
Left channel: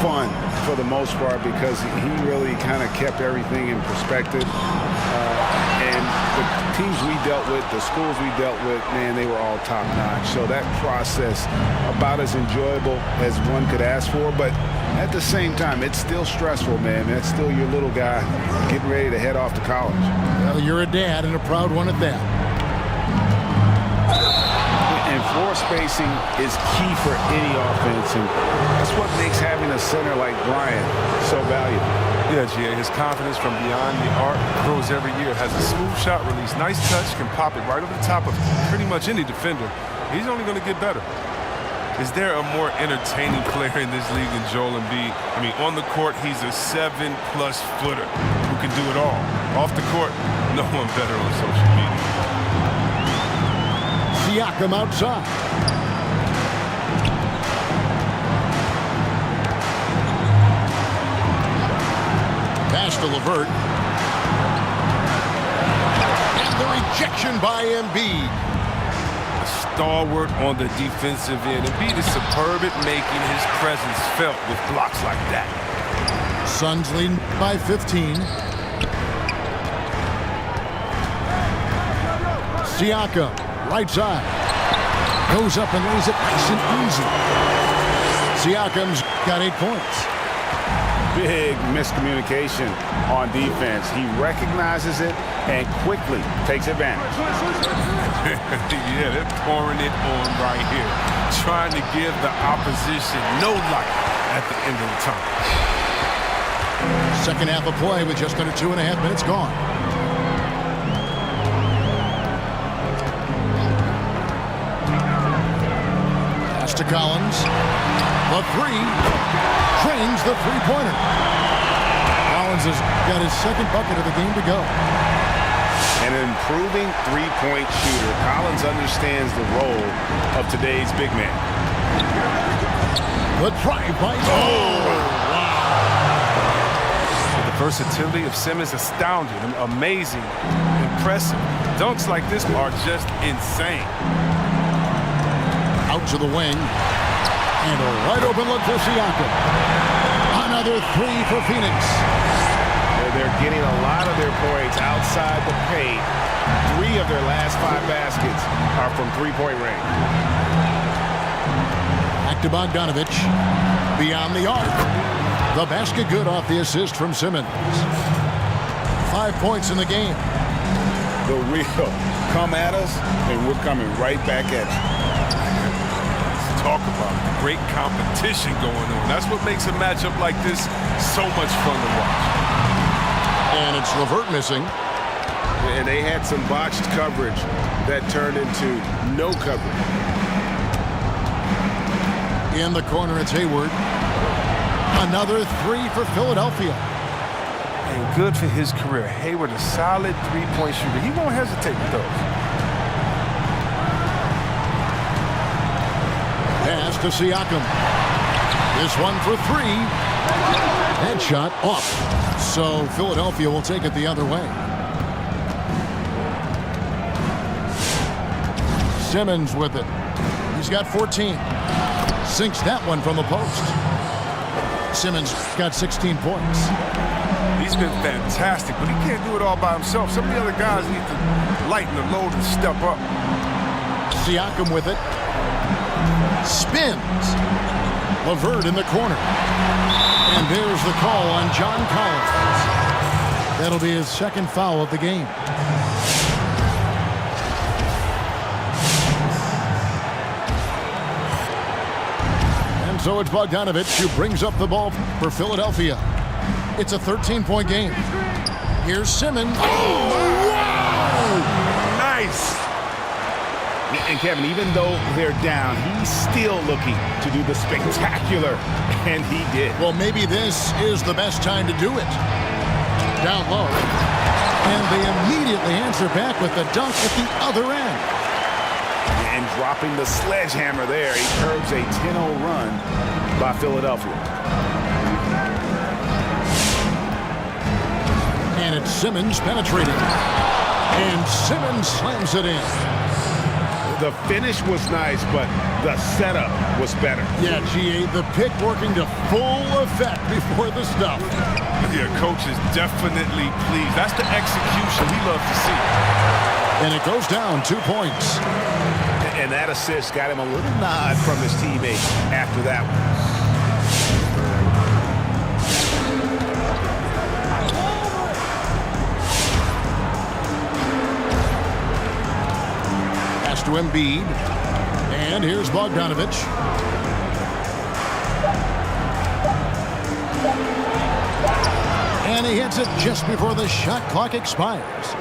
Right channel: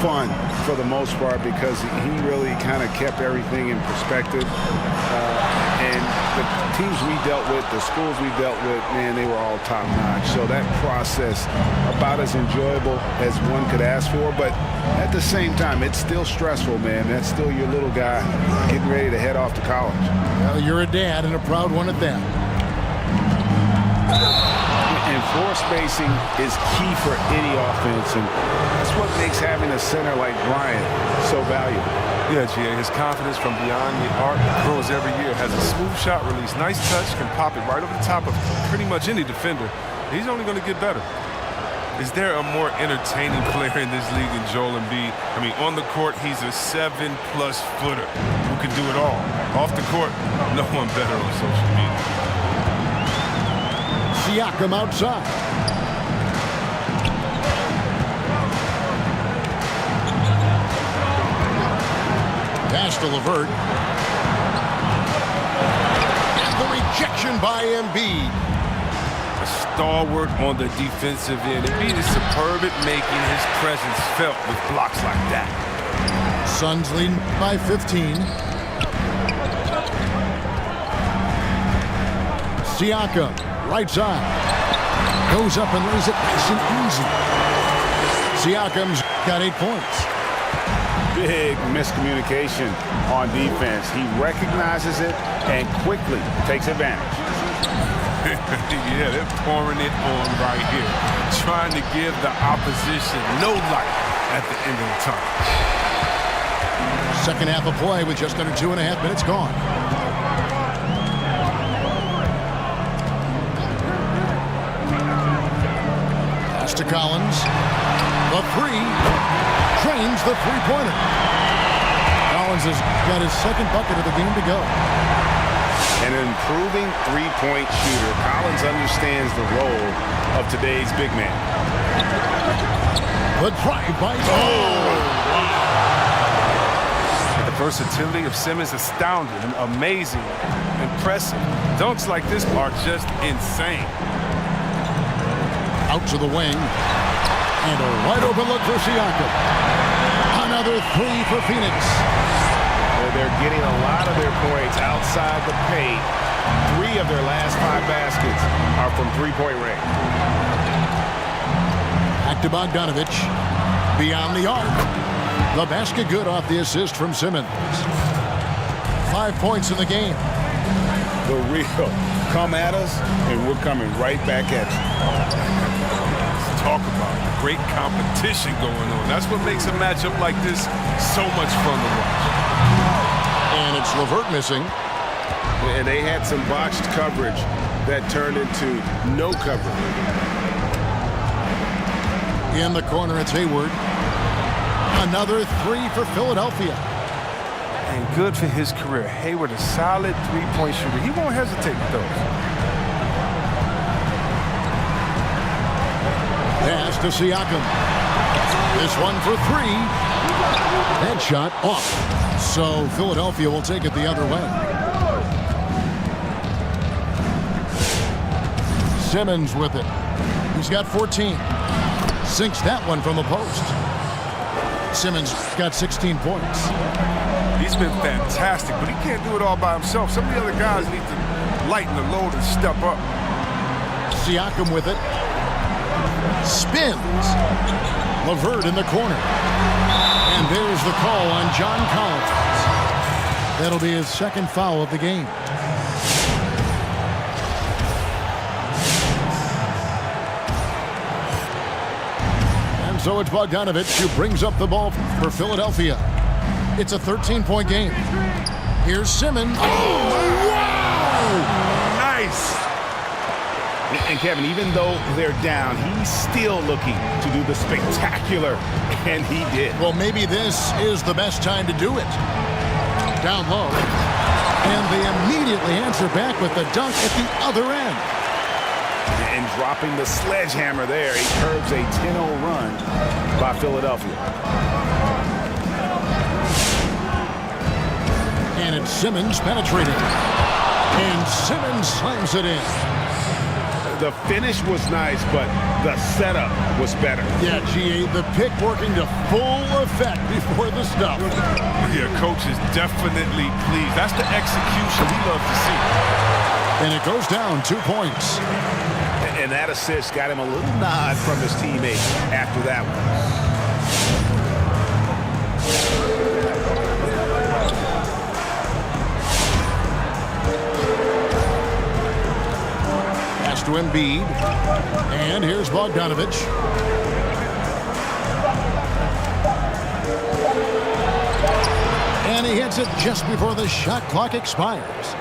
fun for the most part because he really kind of kept everything in perspective. And the teams we dealt with, the schools we dealt with, man, they were all top-notch. So that process, about as enjoyable as one could ask for. But at the same time, it's still stressful, man. That's still your little guy getting ready to head off to college. Well, you're a dad and a proud one at that. And floor spacing is key for any offense, and that's what makes having a center like Bryant so valuable. Yeah, G.A., his confidence from beyond the arc grows every year. Has a smooth shot release, nice touch, can pop it right over the top of pretty much any defender. He's only going to get better. Is there a more entertaining player in this league than Joel Embiid? I mean, on the court, he's a 7+ footer who can do it all. Off the court, no one better on social media. Siakam outside. Pass to LeVert. And the rejection by Embiid. A stalwart on the defensive end. Embiid is superb at making his presence felt with blocks like that. Suns leading by 15. Siakam, right side. Goes up and lays it nice and easy. Siakam's got 8 points. Big miscommunication on defense. He recognizes it and quickly takes advantage. Yeah, they're pouring it on right here. Trying to give the opposition no light at the end of the tunnel. Second half of play with just under 2.5 minutes gone. Pass to Collins. The 3. Trains the three-pointer. Collins has got his second bucket of the game to go. An improving three-point shooter. Collins understands the role of today's big man. The drive by. The versatility of Simmons astounding, amazing, impressive. Dunks like this are just insane. Out to the wing. And a wide open look for Siakam. Another three for Phoenix. They're getting a lot of their points outside the paint. 3 of their last 5 baskets are from three-point range. Back to Bogdanovich. Beyond the arc. The basket good off the assist from Simmons. 5 points in the game. The real come at us, and we're coming right back at you. Let's talk about the great competition going on. That's what makes a matchup like this so much fun to watch. And it's LeVert missing. And they had some botched coverage that turned into no coverage. In the corner, it's Hayward. Another 3 for Philadelphia. And good for his career. Hayward, a solid three-point shooter. He won't hesitate with those. Pass to Siakam. This one for 3. That shot off. So Philadelphia will take it the other way. Simmons with it. He's got 14. Sinks that one from the post. Simmons got 16 points. He's been fantastic, but he can't do it all by himself. Some of the other guys need to lighten the load and step up. Siakam with it. Spins. LeVert in the corner. And there's the call on John Collins. That'll be his second foul of the game. And so it's Bogdanovich who brings up the ball for Philadelphia. It's a 13-point game. Here's Simmons. Oh, wow! Nice. And Kevin, even though they're down, he's still looking to do the spectacular, and he did. Well, maybe this is the best time to do it. Down low. And they immediately answer back with the dunk at the other end. And dropping the sledgehammer there, he curbs a 10-0 run by Philadelphia. And it's Simmons penetrating. And Simmons slams it in. The finish was nice, but the setup was better. Yeah, GA, the pick working to full effect before the stuff. Yeah, coach is definitely pleased. That's the execution he loves to see. And it goes down 2 points. And that assist got him a little nod from his teammate after that one. Pass to Embiid. And here's Bogdanovich. And he hits it just before the shot clock expires.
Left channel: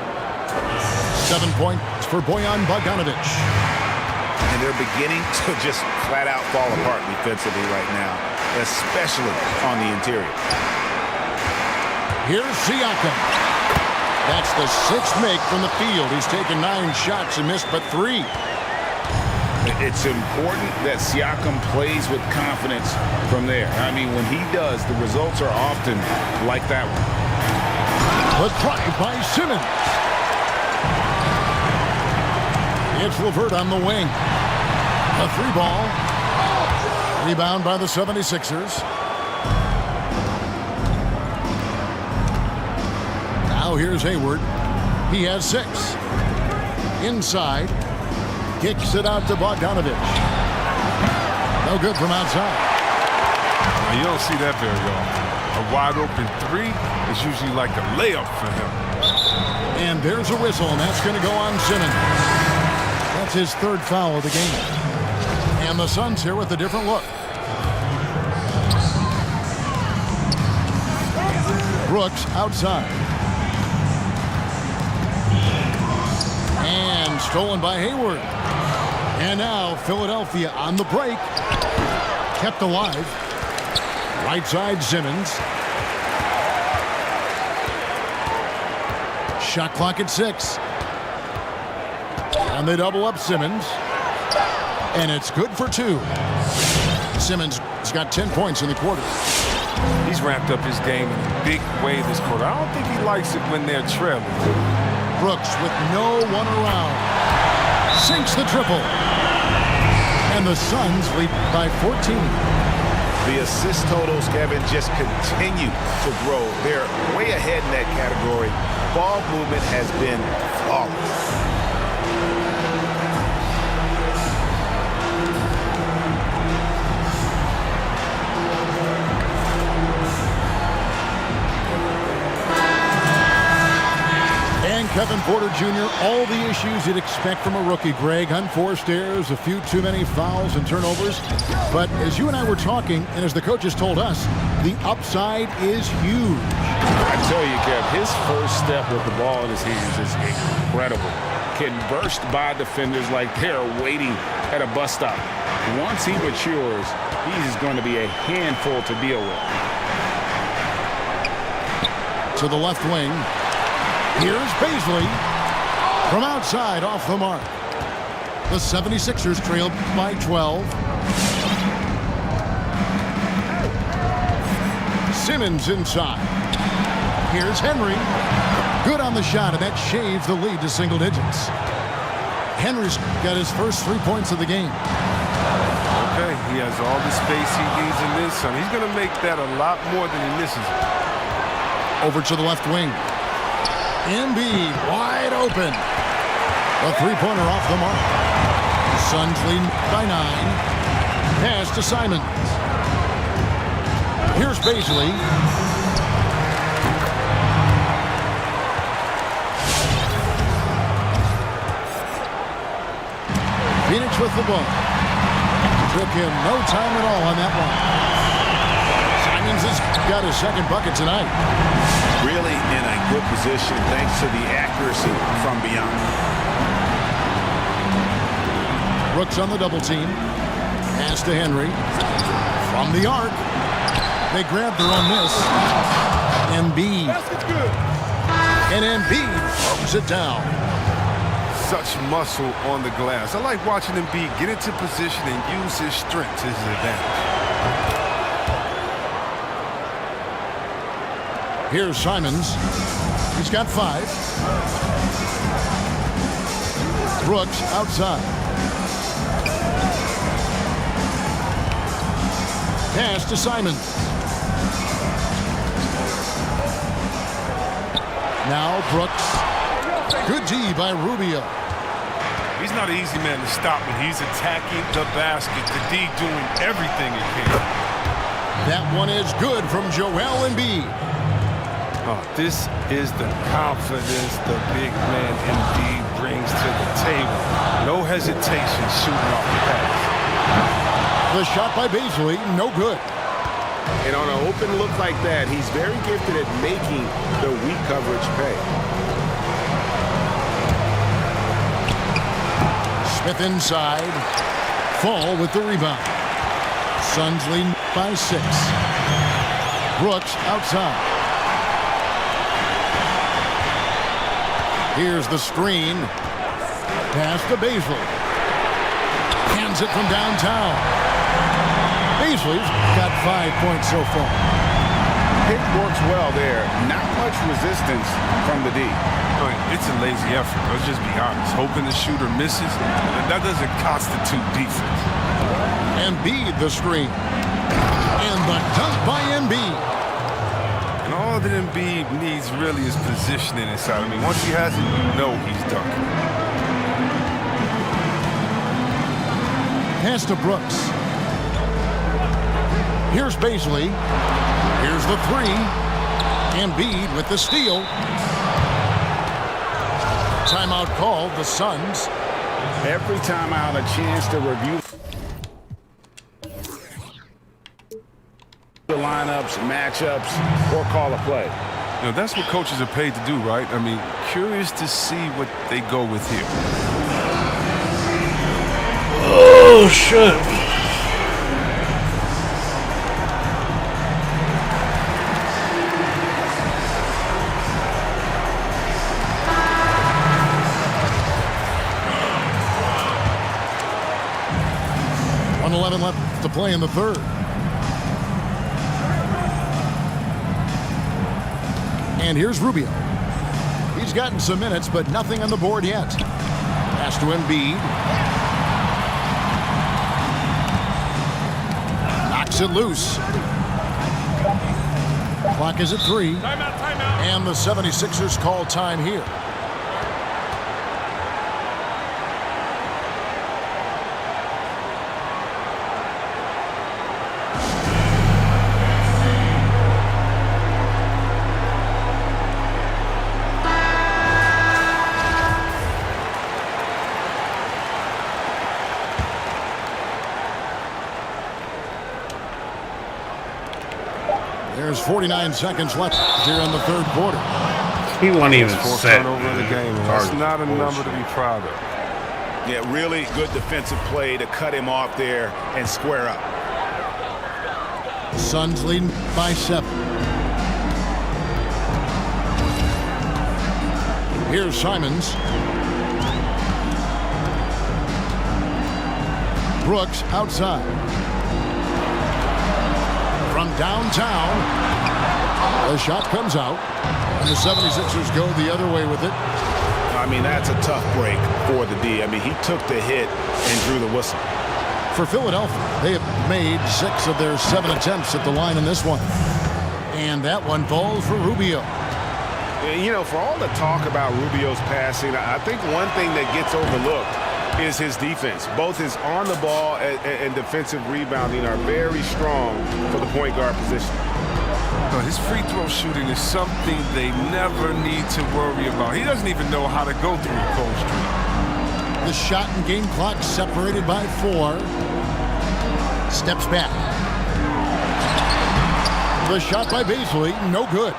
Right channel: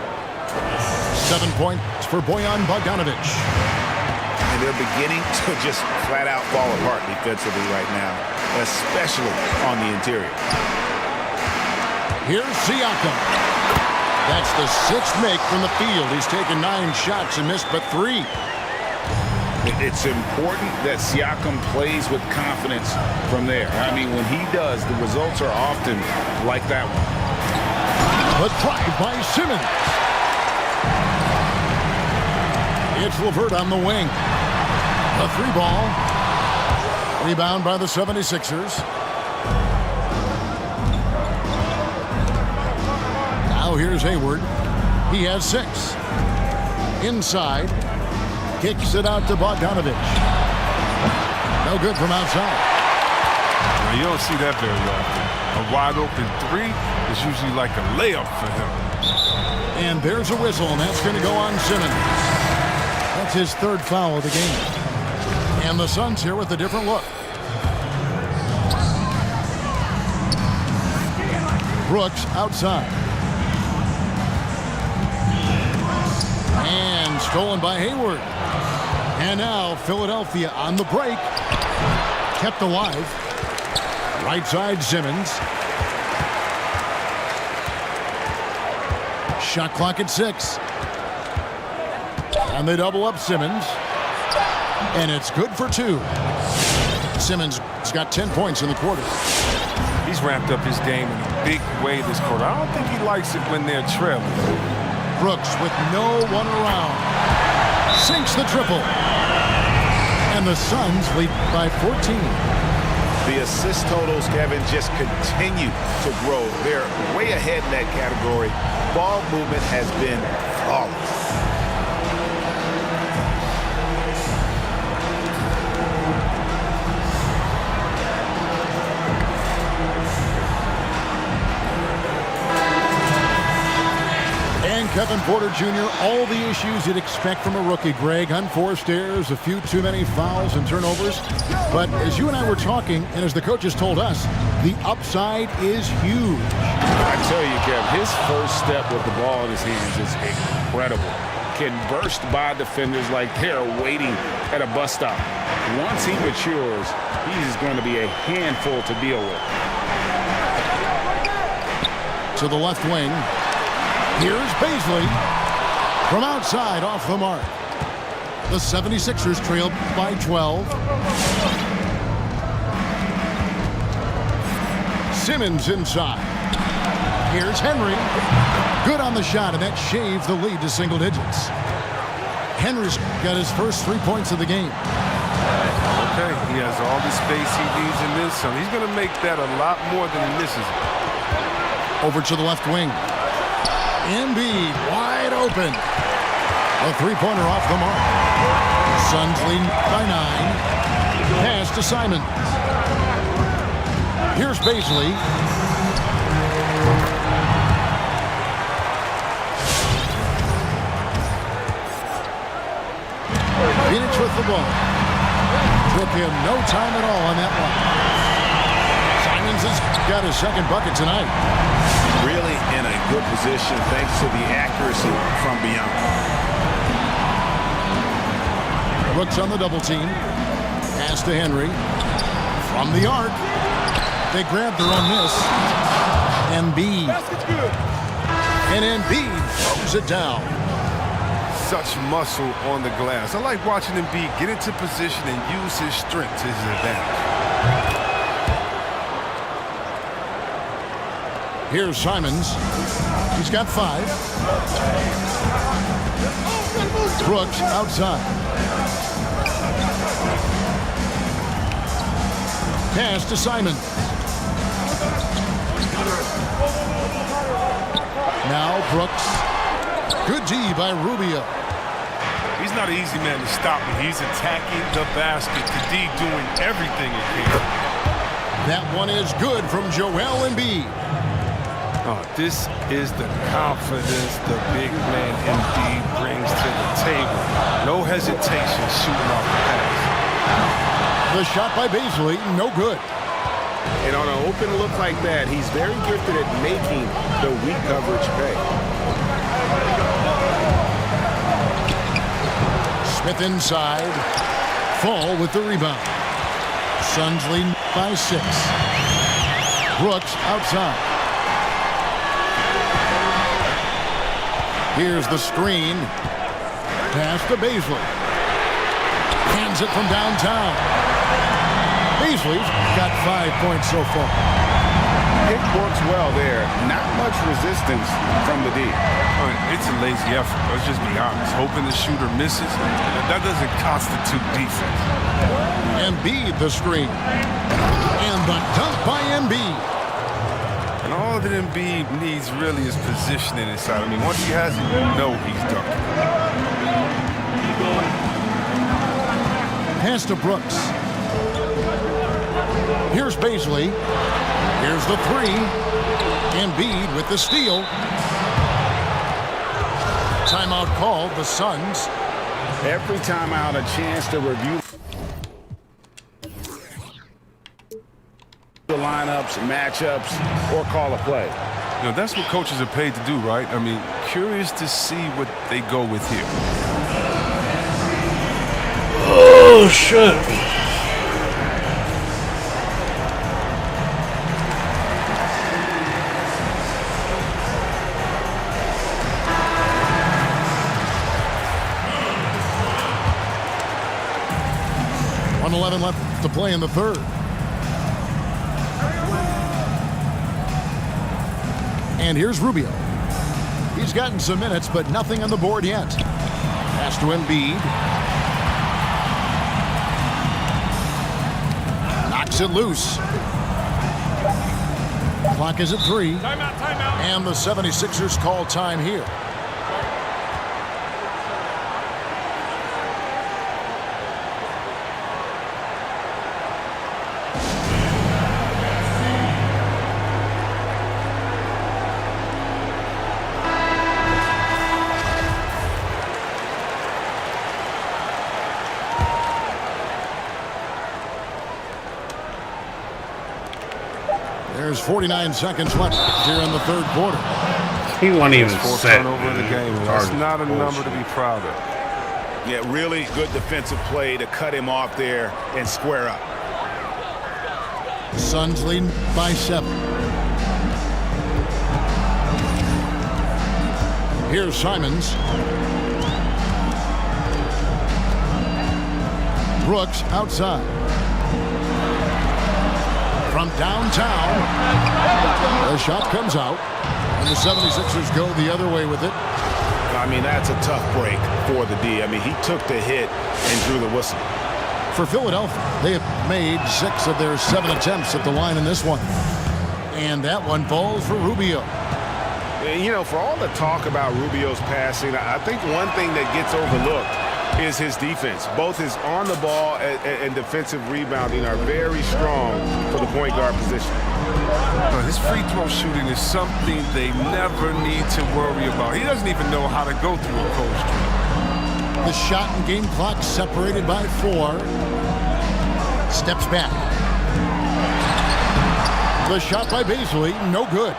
7 points for Bojan Bogdanovich. And they're beginning to just flat out fall apart defensively right now, especially on the interior. Here's Siakam. That's the 6th make from the field. He's taken 9 shots and missed but 3. It's important that Siakam plays with confidence from there. I mean, when he does, the results are often like that one. The drive by Simmons. It's LeVert on the wing. The 3 ball. Rebound by the 76ers. Now here's Hayward. He has 6. Inside. Kicks it out to Bogdanovich. No good from outside. Now, you don't see that very often. A wide open 3 is usually like a layup for him. And there's a whistle, and that's going to go on Simmons. That's his 3rd foul of the game. And the Suns here with a different look. Brooks outside. And stolen by Hayward. And now Philadelphia on the break. Kept alive. Right side Simmons. Shot clock at 6. And they double up Simmons. And it's good for 2. Simmons has got 10 points in the quarter. He's ramped up his game in a big way this quarter. I don't think he likes it when they're trailing. Brooks with no one around. Sinks the triple. And the Suns lead by 14. The assist totals, Kevin, just continue to grow. They're way ahead in that category. Ball movement has been flawless. And Kevin Porter Jr., all the issues you'd expect from a rookie, Greg. Unforced errors, a few too many fouls and turnovers. But as you and I were talking, and as the coaches told us, the upside is huge. I tell you, Kev, his first step with the ball in his hands is incredible. Can burst by defenders like they're waiting at a bus stop. Once he matures, he's going to be a handful to deal with. To the left wing. Here's Baisley from outside off the mark. The 76ers trail by 12. Simmons inside. Here's Henry. Good on the shot, and that shaves the lead to single digits. Henry's got his first 3 points of the game. Okay, he has all the space he needs in this. So he's going to make that a lot more than he misses it. Over to the left wing. Embiid wide open. A three-pointer off the mark. Suns lead by 9. Pass to Simons. Here's Baisley. Phoenix with the ball. Took him no time at all on that one. Simons has got his second bucket tonight. Really in a good position thanks to the accuracy from beyond. Brooks on the double team. Pass to Henry. From the arc. They grab their own miss. Embiid. Basket's good. And Embiid throws it down. Such muscle on the glass. I like watching Embiid get into position and use his strength to his advantage. Here's Simons. He's got 5. Brooks outside. Pass to Simons. Now Brooks. Good D by Rubio. He's not an easy man to stop when he's attacking the basket. The D doing everything he can. That one is good from Joel Embiid. Oh, this is the confidence the big man Embiid brings to the table. No hesitation shooting off the pass. The shot by Baisley, no good. And on an open look like that, he's very gifted at making the weak coverage pay. Smith inside. Fall with the rebound. Suns lead by 6. Brooks outside. Here's the screen. Pass to Baisley. Hands it from downtown. Baisley's got 5 points so far. Pick works well there. Not much resistance from the D. It's a lazy effort. Let's just be honest. Hoping the shooter misses, that doesn't constitute defense. Embiid the screen. And the dunk by Embiid. And all that Embiid needs really is positioning inside. I mean, once he has it, you know he's dunking. Pass to Brooks. Here's Baisley. Here's the 3. Embiid with the steal. Timeout called, the Suns. Every timeout a chance to review the lineups, matchups, or call a play. You know, that's what coaches are paid to do, right? I mean, curious to see what they go with here. Oh, shit. .11 left left to play in the third. And here's Rubio. He's gotten some minutes, but nothing on the board yet. Pass to Embiid. Knocks it loose. Clock is at 3. Timeout, timeout. And the 76ers call time here. There's 49 seconds left here in the third quarter. He wasn't even Fourth set. turnover of the game. And that's not a number to be proud of. Yeah, really good defensive play to cut him off there and square up. Suns leading by 7. Here's Simons. Brooks outside. From downtown, the shot comes out, and the 76ers go the other way with it. I mean, that's a tough break for the D. I mean, he took the hit and drew the whistle. For Philadelphia, they have made 6 of their 7 attempts at the line in this one. And that one falls for Rubio. You know, for all the talk about Rubio's passing, I think one thing that gets overlooked is his defense. Both his on the ball and defensive rebounding are very strong for the point guard position. His free throw shooting is something they never need to worry about. He doesn't even know how to go through a cold streak. The shot and game clock separated by 4. Steps back. The shot by Beasley, no good.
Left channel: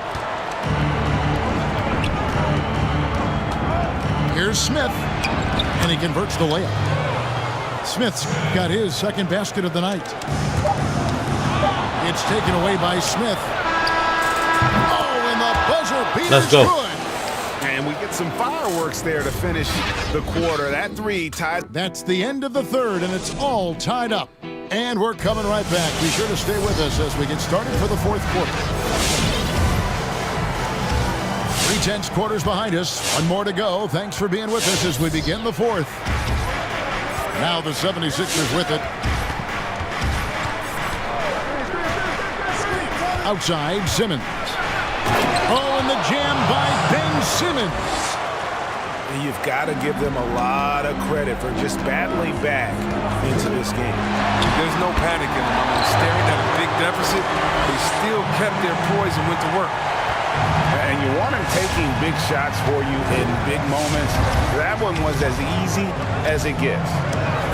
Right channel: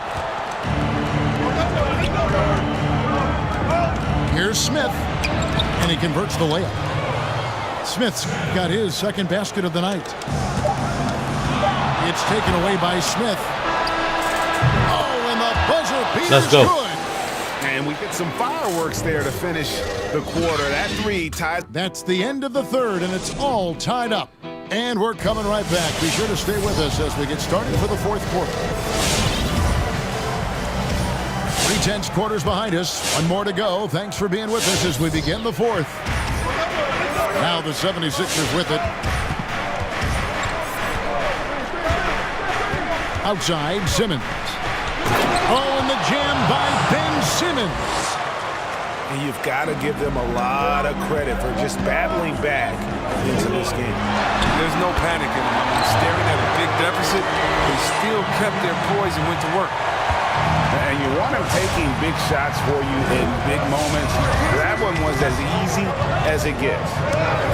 Here's Smith, and he converts the layup. Smith's got his second basket of the night. It's taken away by Smith. Oh, and the buzzer beater's good. And we get some fireworks there to finish the quarter. That 3 tied. That's the end of the third, and it's all tied up. And we're coming right back. Be sure to stay with us as we get started for the fourth quarter. 3/10 quarters behind us. One more to go. Thanks for being with us as we begin the fourth. Now the 76ers with it. Outside, Simmons. Oh, and the jam by Ben Simmons. And you've got to give them a lot of credit for just battling back into this game. There's no panic in them. I mean, staring at a big deficit, they still kept their poise and went to work. And you want him taking big shots for you in big moments. That one was as easy as it gets.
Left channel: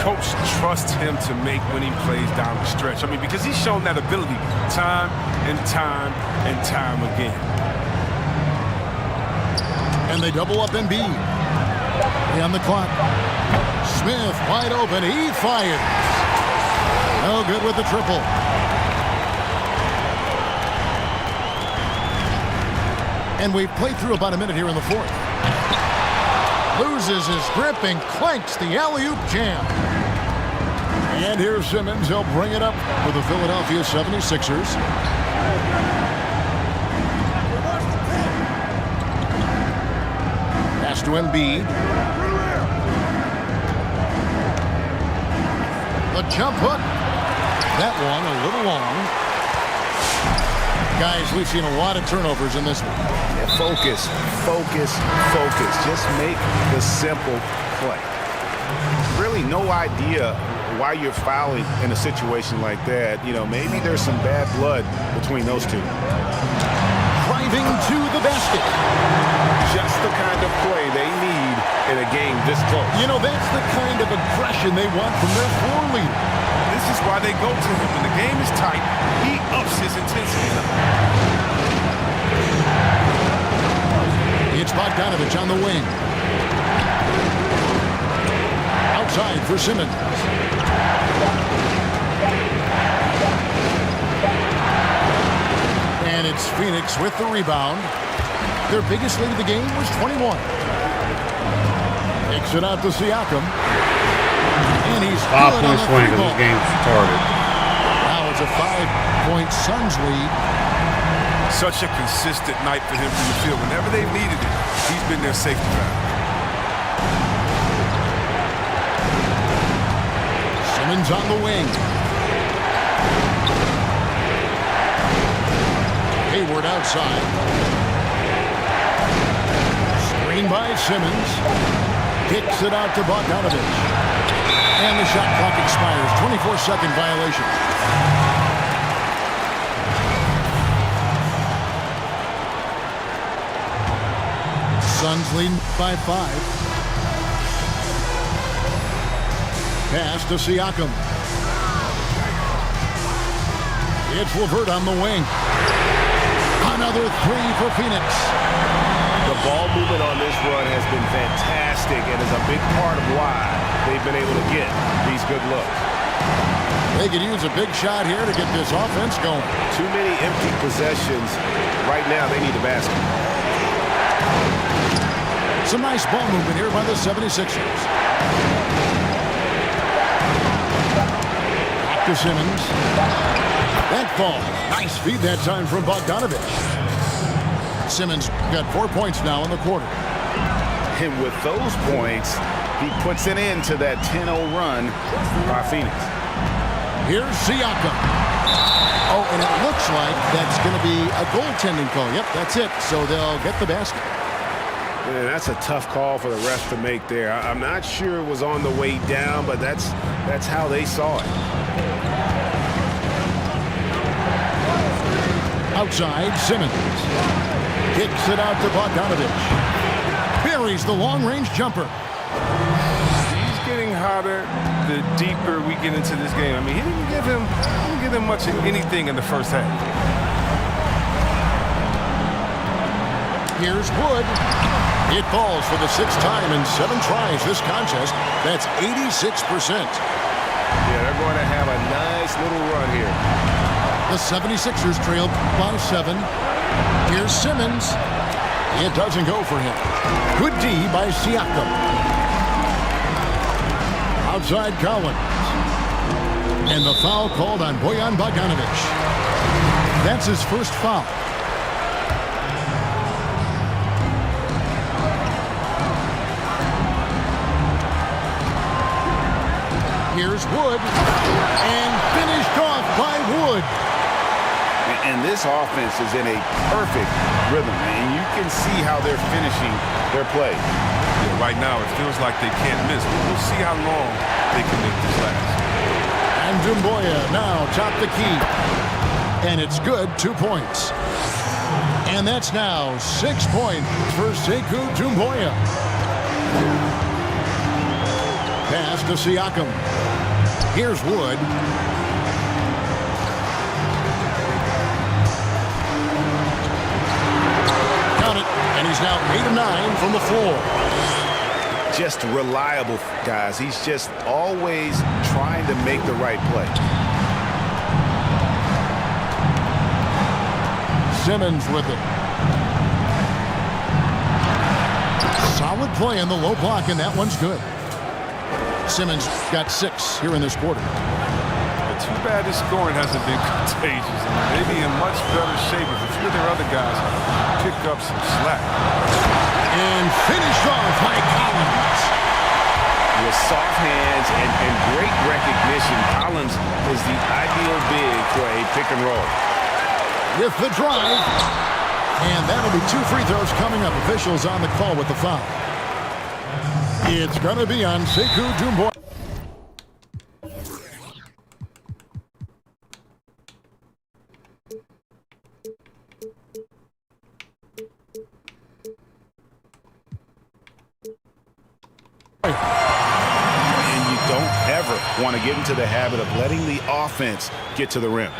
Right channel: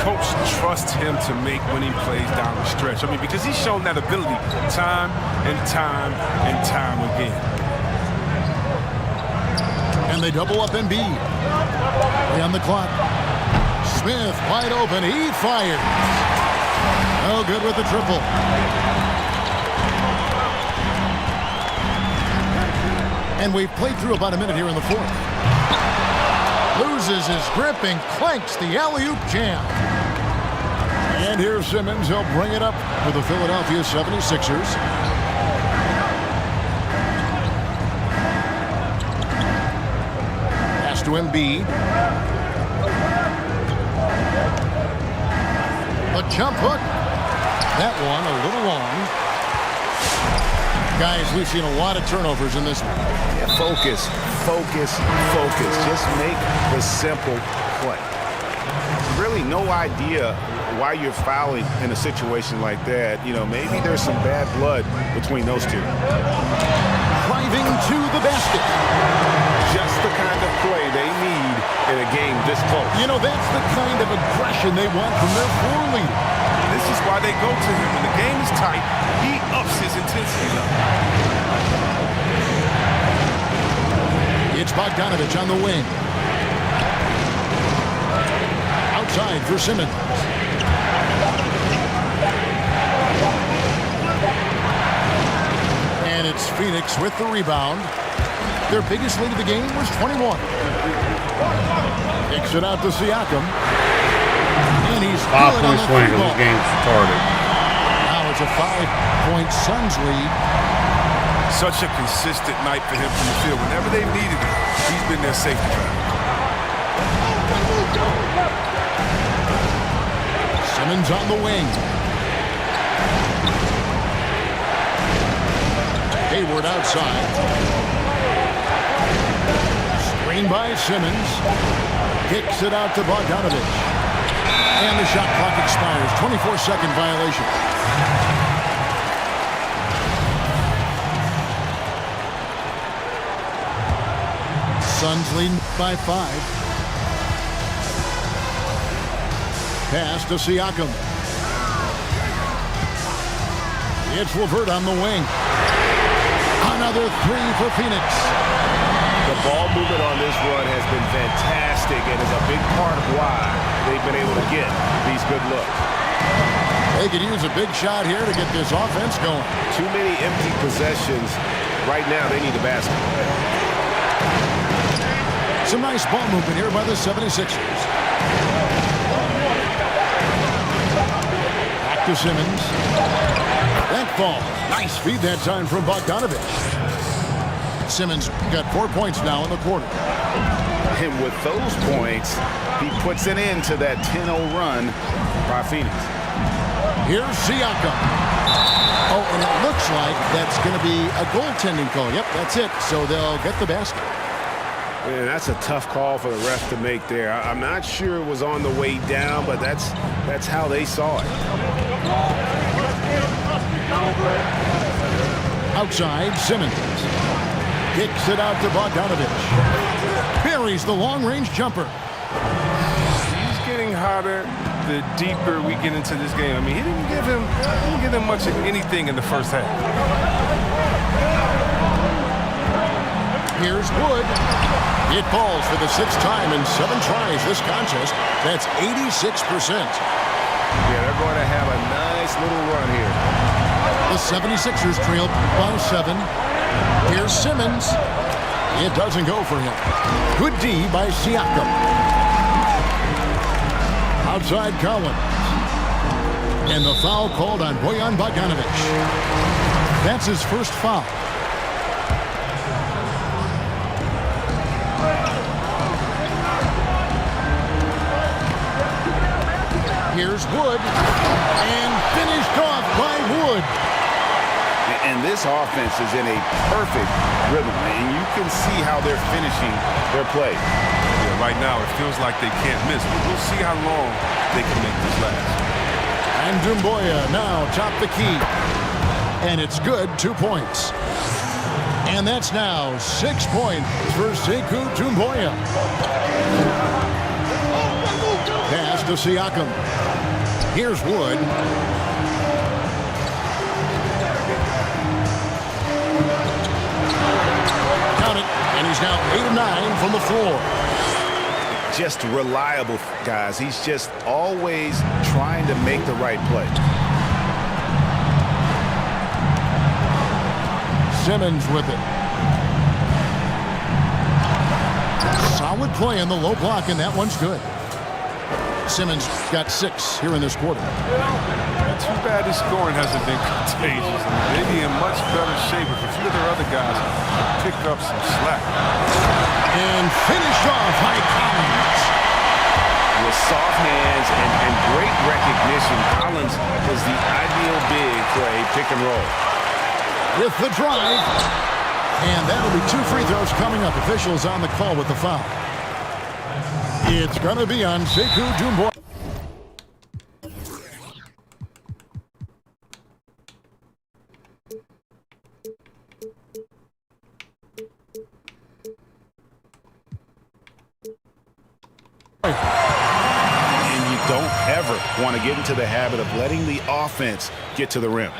Coach trusts him to make winning plays down the stretch. I mean, because he's shown that ability time and time and time again. And they double up Embiid. Play on the clock. Smith wide open. He fires. No good with the triple. And we've played through about a minute here in the fourth. Loses his grip and clanks the alley-oop jam. And here's Simmons. He'll bring it up for the Philadelphia 76ers. Pass to Embiid. A jump hook. That one a little long. Guys, we've seen a lot of turnovers in this one. Yeah, focus, focus, focus. Just make the simple play. Really no idea why you're fouling in a situation like that. You know, maybe there's some bad blood between those two. Driving to the basket. Just the kind of play they need in a game this close. You know, that's the kind of aggression they want from their floor leader. This is why they go to him. When the game is tight, he ups his intensity level. It's Bogdanovich on the wing. Outside for Simmons. And it's Phoenix with the rebound. Their biggest lead of the game was 21. Kicks it out to Siakam. And he's 5 good on point the swing three because ball. this game's started. a 5-point Suns lead. Such a consistent night for him from the field. Whenever they've needed it, he's been their safety valve. Simmons on the wing. Hayward outside. Screen by Simmons. Kicks it out to Bogdanovich. And the shot clock expires. 24-second violation. Suns leading by 5. Pass to Siakam. It's LeVert on the wing. Another 3 for Phoenix. The ball movement on this run has been fantastic and is a big part of why they've been able to get these good looks. They could use a big shot here to get this offense going. Too many empty possessions. Right now, they need a basket. Some nice ball movement here by the 76ers. Back to Simmons. That falls. Nice feed that time from Bogdanovich. Simmons got 4 points now in the quarter. And with those points, he puts an end to that 10-0 run by Phoenix. Here's Siakam. Oh, and it looks like that's going to be a goaltending call. Yep, that's it. So they'll get the basket. Man, that's a tough call for the ref to make there. I'm not sure it was on the way down, but that's how they saw it. Outside, Simmons. Kicks it out to Bogdanovich. Buries the long-range jumper. He's getting hotter the deeper we get into this game. I mean, he didn't give him much of anything in the first half. Here's Wood. It falls for the 6th time in 7 tries this contest. That's 86%. Yeah, they're going to have a nice little run here. The 76ers trail by 7. Here's Simmons. It doesn't go for him. Good D by Siakam. Outside Collins. And the foul called on Bojan Bogdanovich. That's his first foul. Here's Wood. And finished off by Wood. And this offense is in a perfect rhythm, and you can see how they're finishing their play. Yeah, right now it feels like they can't miss. We'll see how long they can make this last. And Doumbouya now top the key. And it's good, 2 points. And that's now 6 points for Sekou Doumbouya. Pass to Siakam. Here's Wood. Count it. And he's now 8 of 9 from the floor. Just reliable, guys. He's just always trying to make the right play. Simmons with it. Solid play on the low block, and that one's good. Simmons got 6 here in this quarter. Too bad his scoring hasn't been contagious. I mean, they'd be in much better shape if a few of their other guys pick up some slack. And finished off by Collins. With soft hands and great recognition, Collins is the ideal big for a pick and roll. With the drive. And that'll be 2 free throws coming up. Officials on the call with the foul. It's going to be on Sekou Doumbouya. And you don't ever want to get into the habit of letting the offense get to the rim.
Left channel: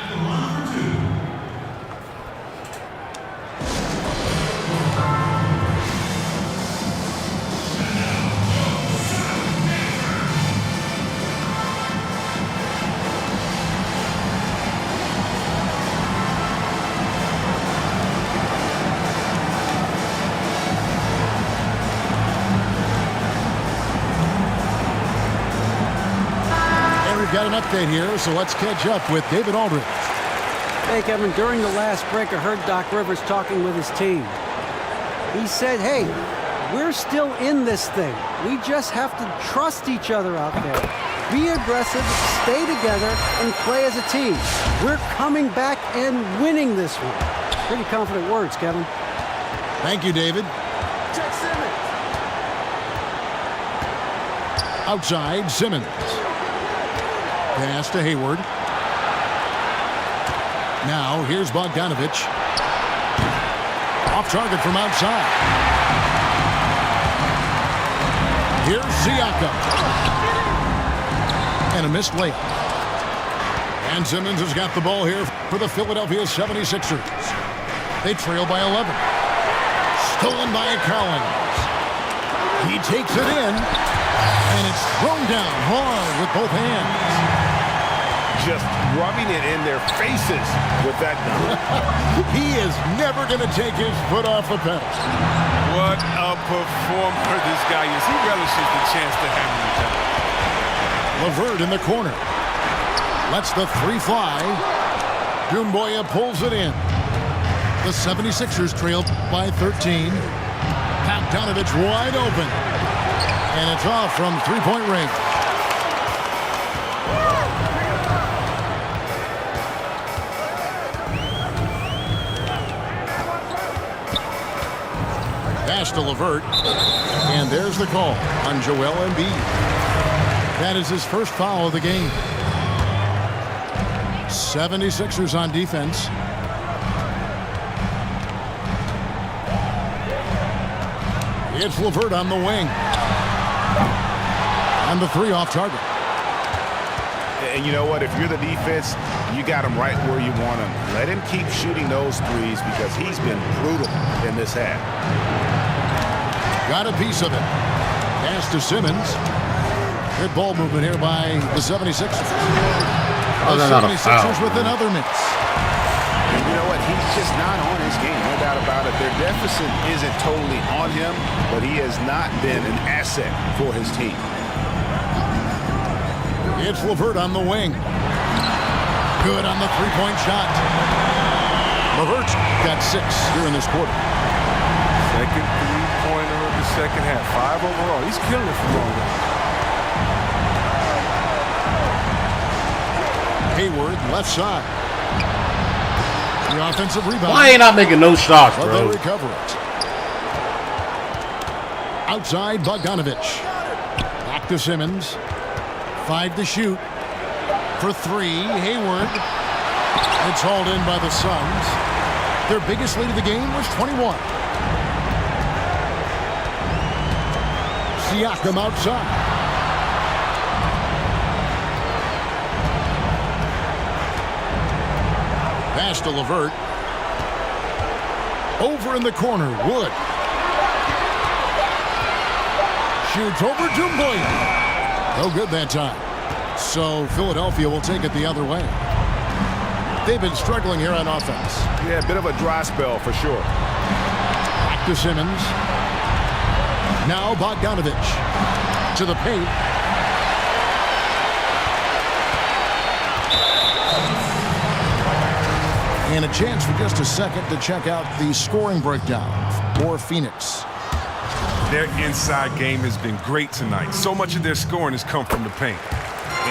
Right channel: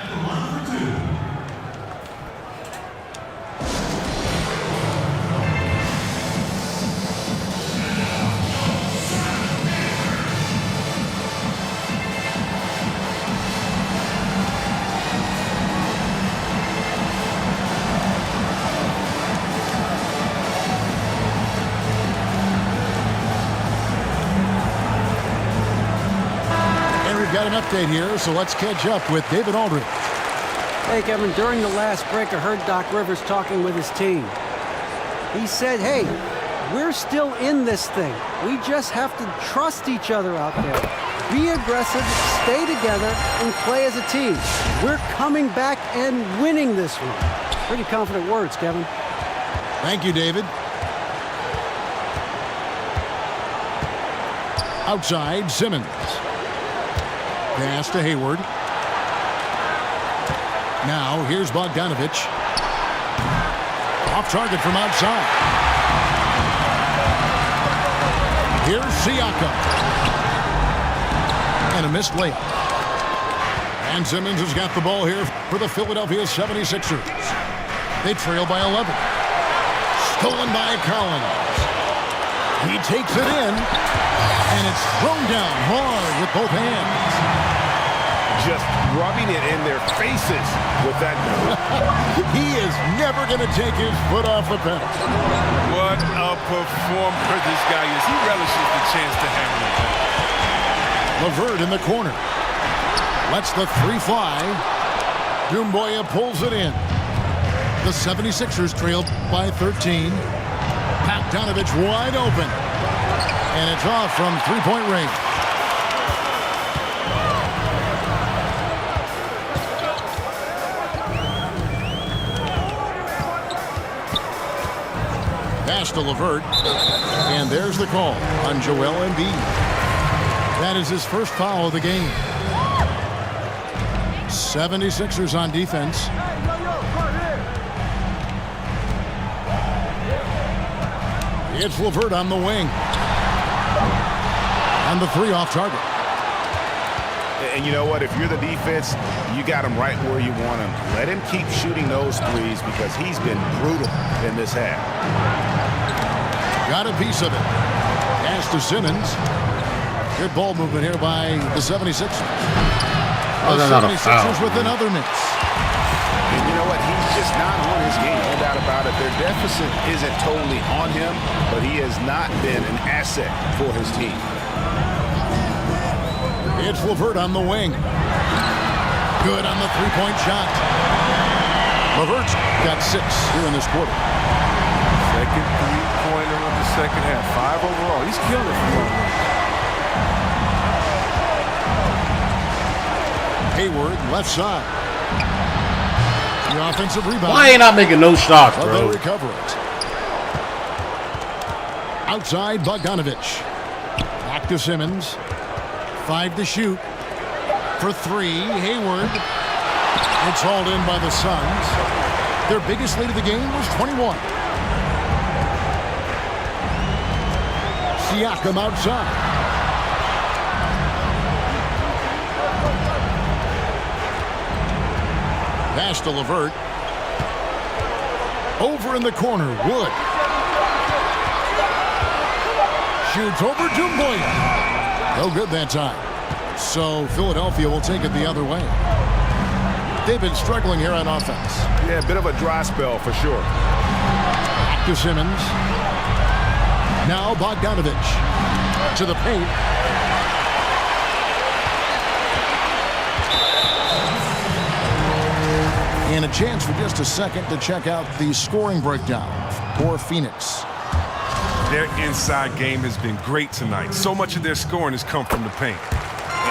we've got an update here, so let's catch up with David Aldridge. Hey, Kevin, during the last break, I heard Doc Rivers talking with his team. He said, hey, we're still in this thing. We just have to trust each other out there. Be aggressive, stay together, and play as a team. We're coming back and winning this one. Pretty confident words, Kevin. Thank you, David. Outside, Simmons. Pass to Hayward. Now, here's Bogdanovich. Off target from outside. Here's Siakam. And a missed layup. And Simmons has got the ball here for the Philadelphia 76ers. They trail by 11. Stolen by Collins. He takes it in. And it's thrown down hard with both hands. Just rubbing it in their faces with that dunk. He is never going to take his foot off the pedal. What a performer this guy is. He relishes the chance to hammer it down. LeVert in the corner. Lets the three fly. Doumbouya pulls it in. The 76ers trail by 13. Bogdanovich wide open. And it's off from three-point range. Pass to LeVert. And there's the call on Joel Embiid. That is his first foul of the game. 76ers on defense. It's LeVert on the wing. And the three off target. And you know what? If you're the defense, you got him right where you want him. Let him keep shooting those threes because he's been brutal in this half. Got a piece of it. Pass to Simmons. Good ball movement here by the 76ers. The 76ers with another miss. And you know what? He's just not on his game. No doubt about it. Their deficit isn't totally on him, but he has not been an asset for his team. It's LeVert on the wing. Good on the three-point shot. LeVert's got 6 here in this quarter. Second three-pointer of the second half. 5 overall. He's killing it from long range. Hayward, left side. The offensive rebound. Why ain't I making no shots, But bro? they'll recover it. Outside, Bogdanovich. Back to Simmons. 5 to shoot. For 3, Hayward. It's hauled in by the Suns. Their biggest lead of the game was 21. Siakam outside. Pass to LeVert. Over in the corner, Wood. Shoots over Doumbouya. No good that time. So Philadelphia will take it the other way. They've been struggling here on offense. Yeah, a bit of a dry spell for sure. Back to Simmons. Now Bogdanovich. To the paint. And a chance for just a second to check out the scoring breakdown for Phoenix. Their inside game has been great tonight. So much of their scoring has come from the paint.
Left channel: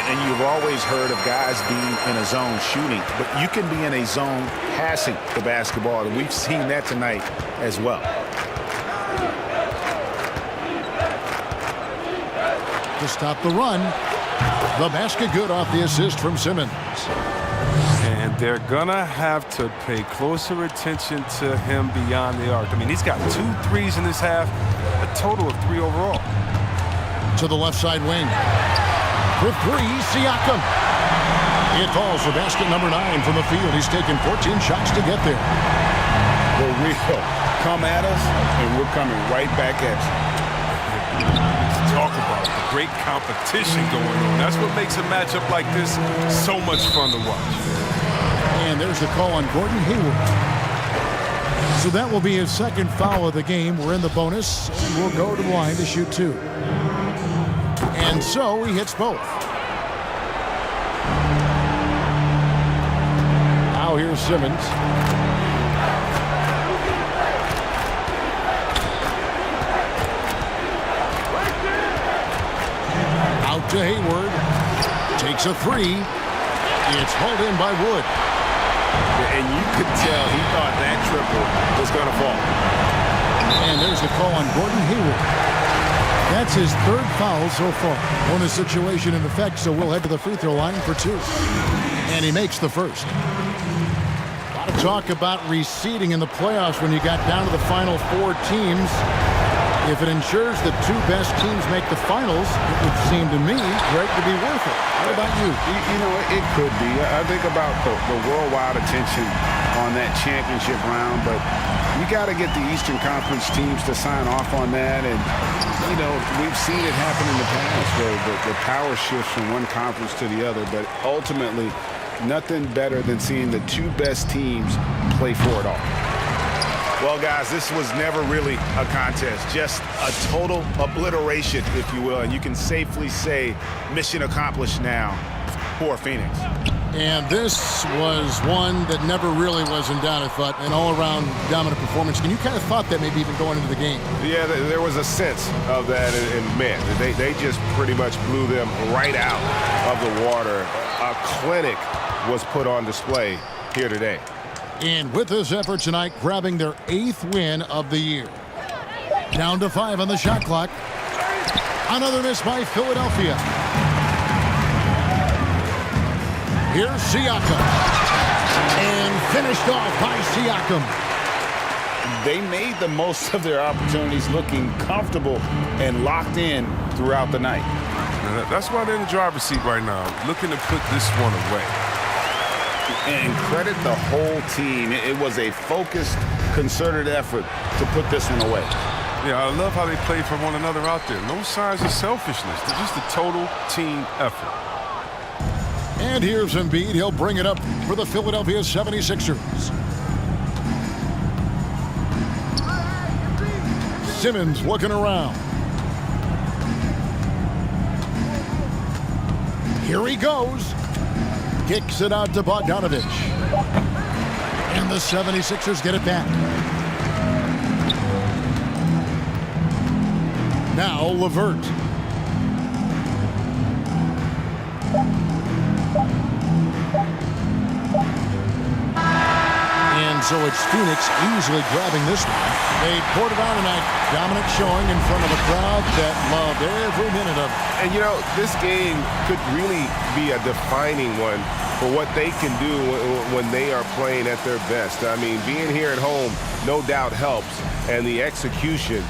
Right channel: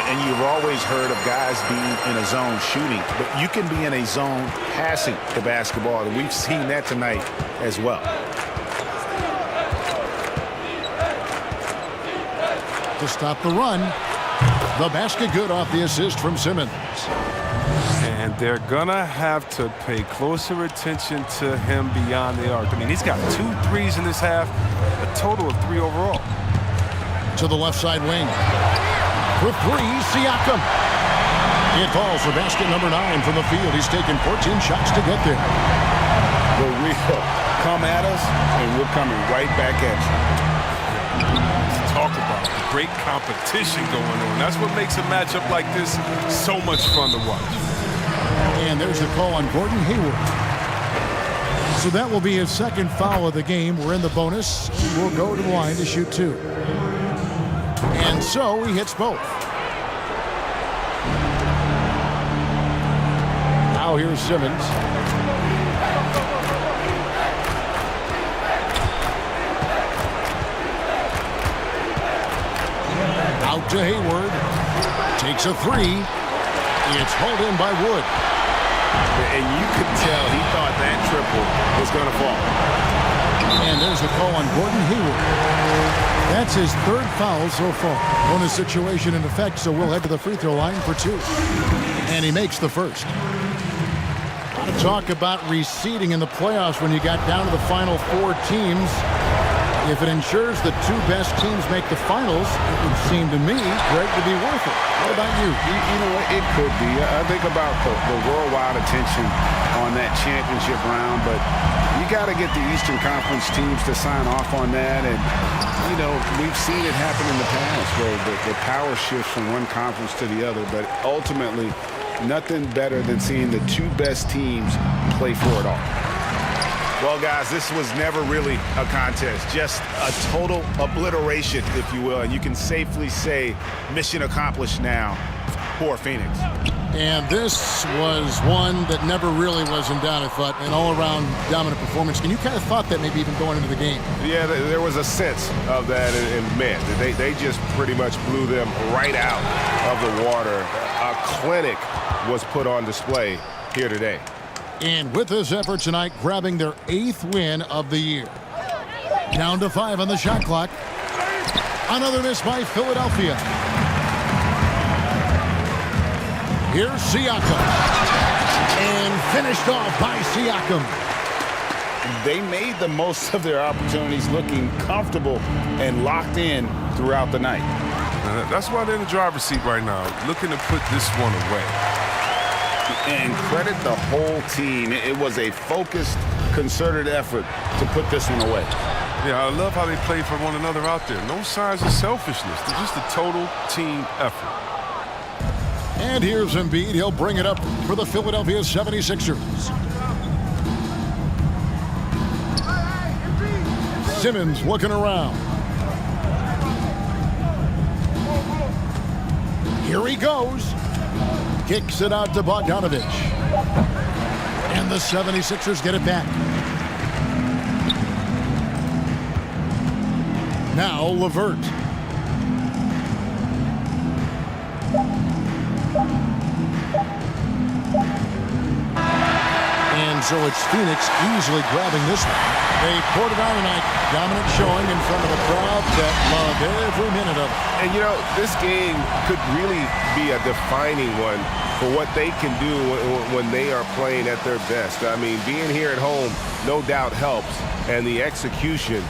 And you've always heard of guys being in a zone shooting, but you can be in a zone passing the basketball, and we've seen that tonight as well. To stop the run. The basket good off the assist from Simmons. And they're going to have to pay closer attention to him beyond the arc. I mean, he's got 2 threes in this half, a total of 3 overall. To the left side wing. For 3, Siakam. It falls for basket number 9 from the field. He's taken 14 shots to get there. The real come at us, and we're coming right back at you. Talk about the great competition going on. That's what makes a matchup like this so much fun to watch. And there's the call on Gordon Hayward. So that will be his second foul of the game. We're in the bonus, and we'll go to the line to shoot 2. And so he hits both. Now here's Simmons. Out to Hayward. Takes a three. It's hauled in by Wood. And you could tell he thought that triple was going to fall. And there's the call on Gordon Hayward. That's his third foul so far. Bonus situation in effect, so we'll head to the free throw line for two. And he makes the first. A lot of talk about reseeding in the playoffs when you got down to the final four teams. If it ensures the two best teams make the finals, it would seem to me, Greg, to be worth it. What about you? You know, it could be. I think about the worldwide attention on that championship round, but you got to get the Eastern Conference teams to sign off on that. And, you know, we've seen it happen in the past where the power shifts from one conference to the other, but ultimately nothing better than seeing the two best teams play for it all. Well, guys, this was never really a contest, just a total obliteration, if you will. And you can safely say mission accomplished now for Phoenix. And this was one that never really was in doubt, I thought, an all-around dominant performance. And you kind of thought that maybe even going into the game. Yeah, there was a sense of that, and man, they just pretty much blew them right out of the water. A clinic was put on display here today. And with this effort tonight, grabbing their 8th win of the year. Down to 5 on the shot clock. Another miss by Philadelphia. Here's Siakam. And finished off by Siakam. They made the most of their opportunities, looking comfortable and locked in throughout the night. That's why they're in the driver's seat right now, looking to put this one away. And credit the whole team. It was a focused, concerted effort to put this one away. Yeah, I love how they play for one another out there. No signs of selfishness. They're just a total team effort. And here's Embiid. He'll bring it up for the Philadelphia 76ers. Simmons looking around. Here he goes. Kicks it out to Bogdanovich. And the 76ers get it back. Now LeVert. And so it's Phoenix easily grabbing this one. They poured it on tonight. Dominant showing in front of a crowd that loved every minute of it. And, you know, this game could really be a defining one for what they can do when they are playing at their best. I mean, being here at home no doubt helps, and the execution